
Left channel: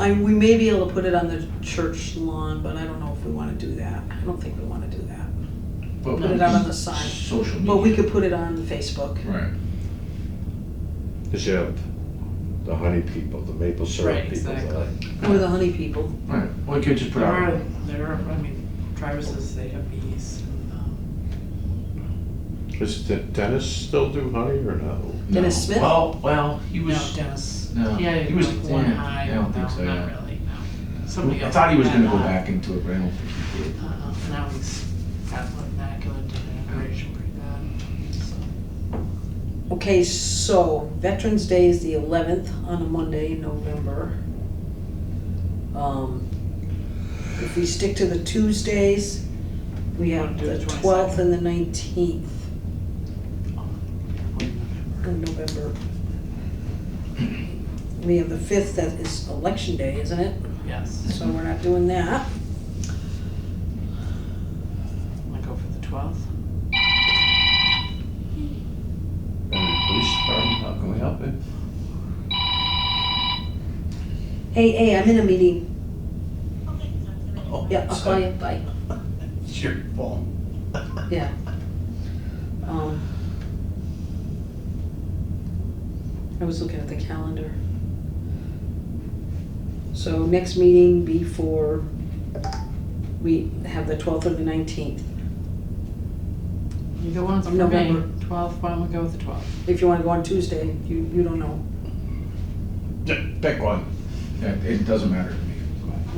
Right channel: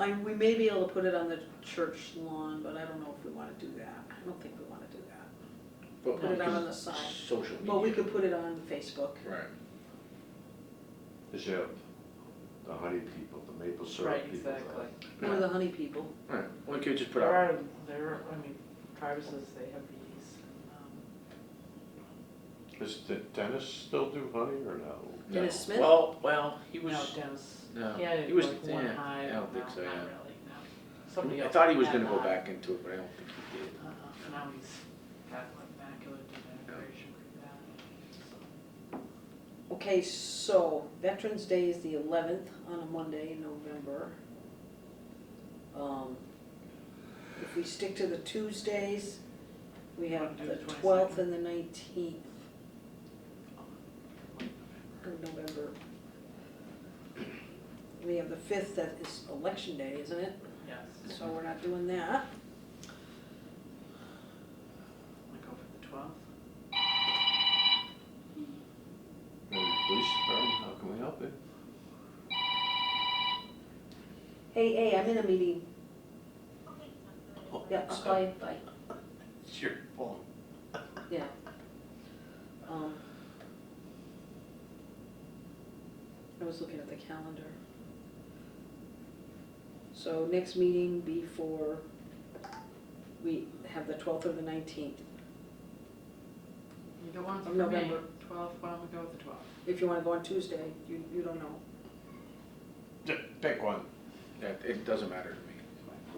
we may be able to put it on the church lawn, but I don't know if we wanna do that. I don't think we wanna do that. But Put it out on the side. Social media. But we could put it on Facebook. Right. Because you have the honey people, the maple syrup Right, people. exactly. Or the honey people. Right, well, we could just put There out. I mean, Travis's, they have bees, and, Does Dennis still do honey or no? No. Dennis Smith? Well, he no, was, Dennis, no, yeah, he was- like one yeah, high, I don't think no, so, not yeah. really, no. Somebody I else thought he was had gonna go that. back into it, but I don't think he did. Now he's got macular degeneration pretty bad, so. Okay, so Veterans Day is the 11th on a Monday in November. If we stick to the Tuesdays, we have Do the the 12th and the 19th November. of November. We have the 5th, that is Election Day, isn't it? Yes, So we're not doing that. wanna go for the 12th? And police department, how can we help it? Hey, I'm in a meeting. Oh, Yeah, I'll call you, bye. It's your phone. Yeah. I was looking at the calendar. So next meeting before we have the 12th or the 19th. Either one's for Of November. me, 12th, why don't we go with the 12th? If you wanna go on Tuesday, you don't know. Pick one. Yeah, it doesn't matter to me.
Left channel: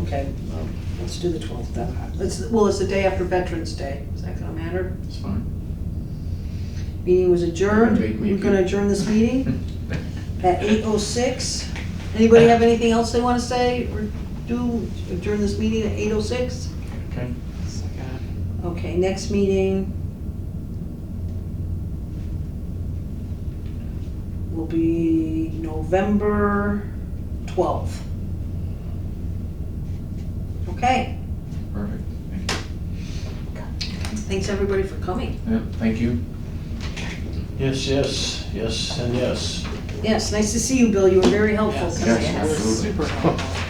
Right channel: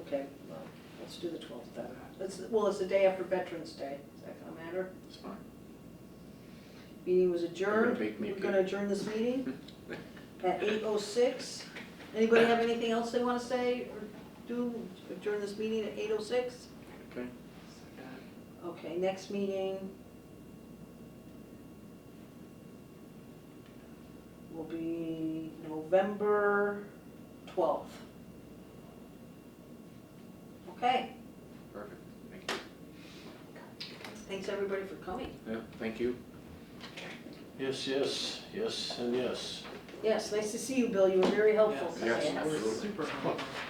Okay, well, let's do the 12th then. It's the day after Veterans Day. Is that gonna matter? It's fine. Meeting was adjourned. Make me We're gonna adjourn this meeting at 8:06. Anybody have anything else they wanna say or do? Adjourn this meeting at 8:06? Okay. Second. Okay, next meeting will be November 12th. Okay, Perfect. thanks everybody for coming. Yeah, thank you. Yes, yes, yes, and yes. Yes, nice to see you, Bill, you were very helpful Yes, tonight. Yes, it was absolutely. super helpful.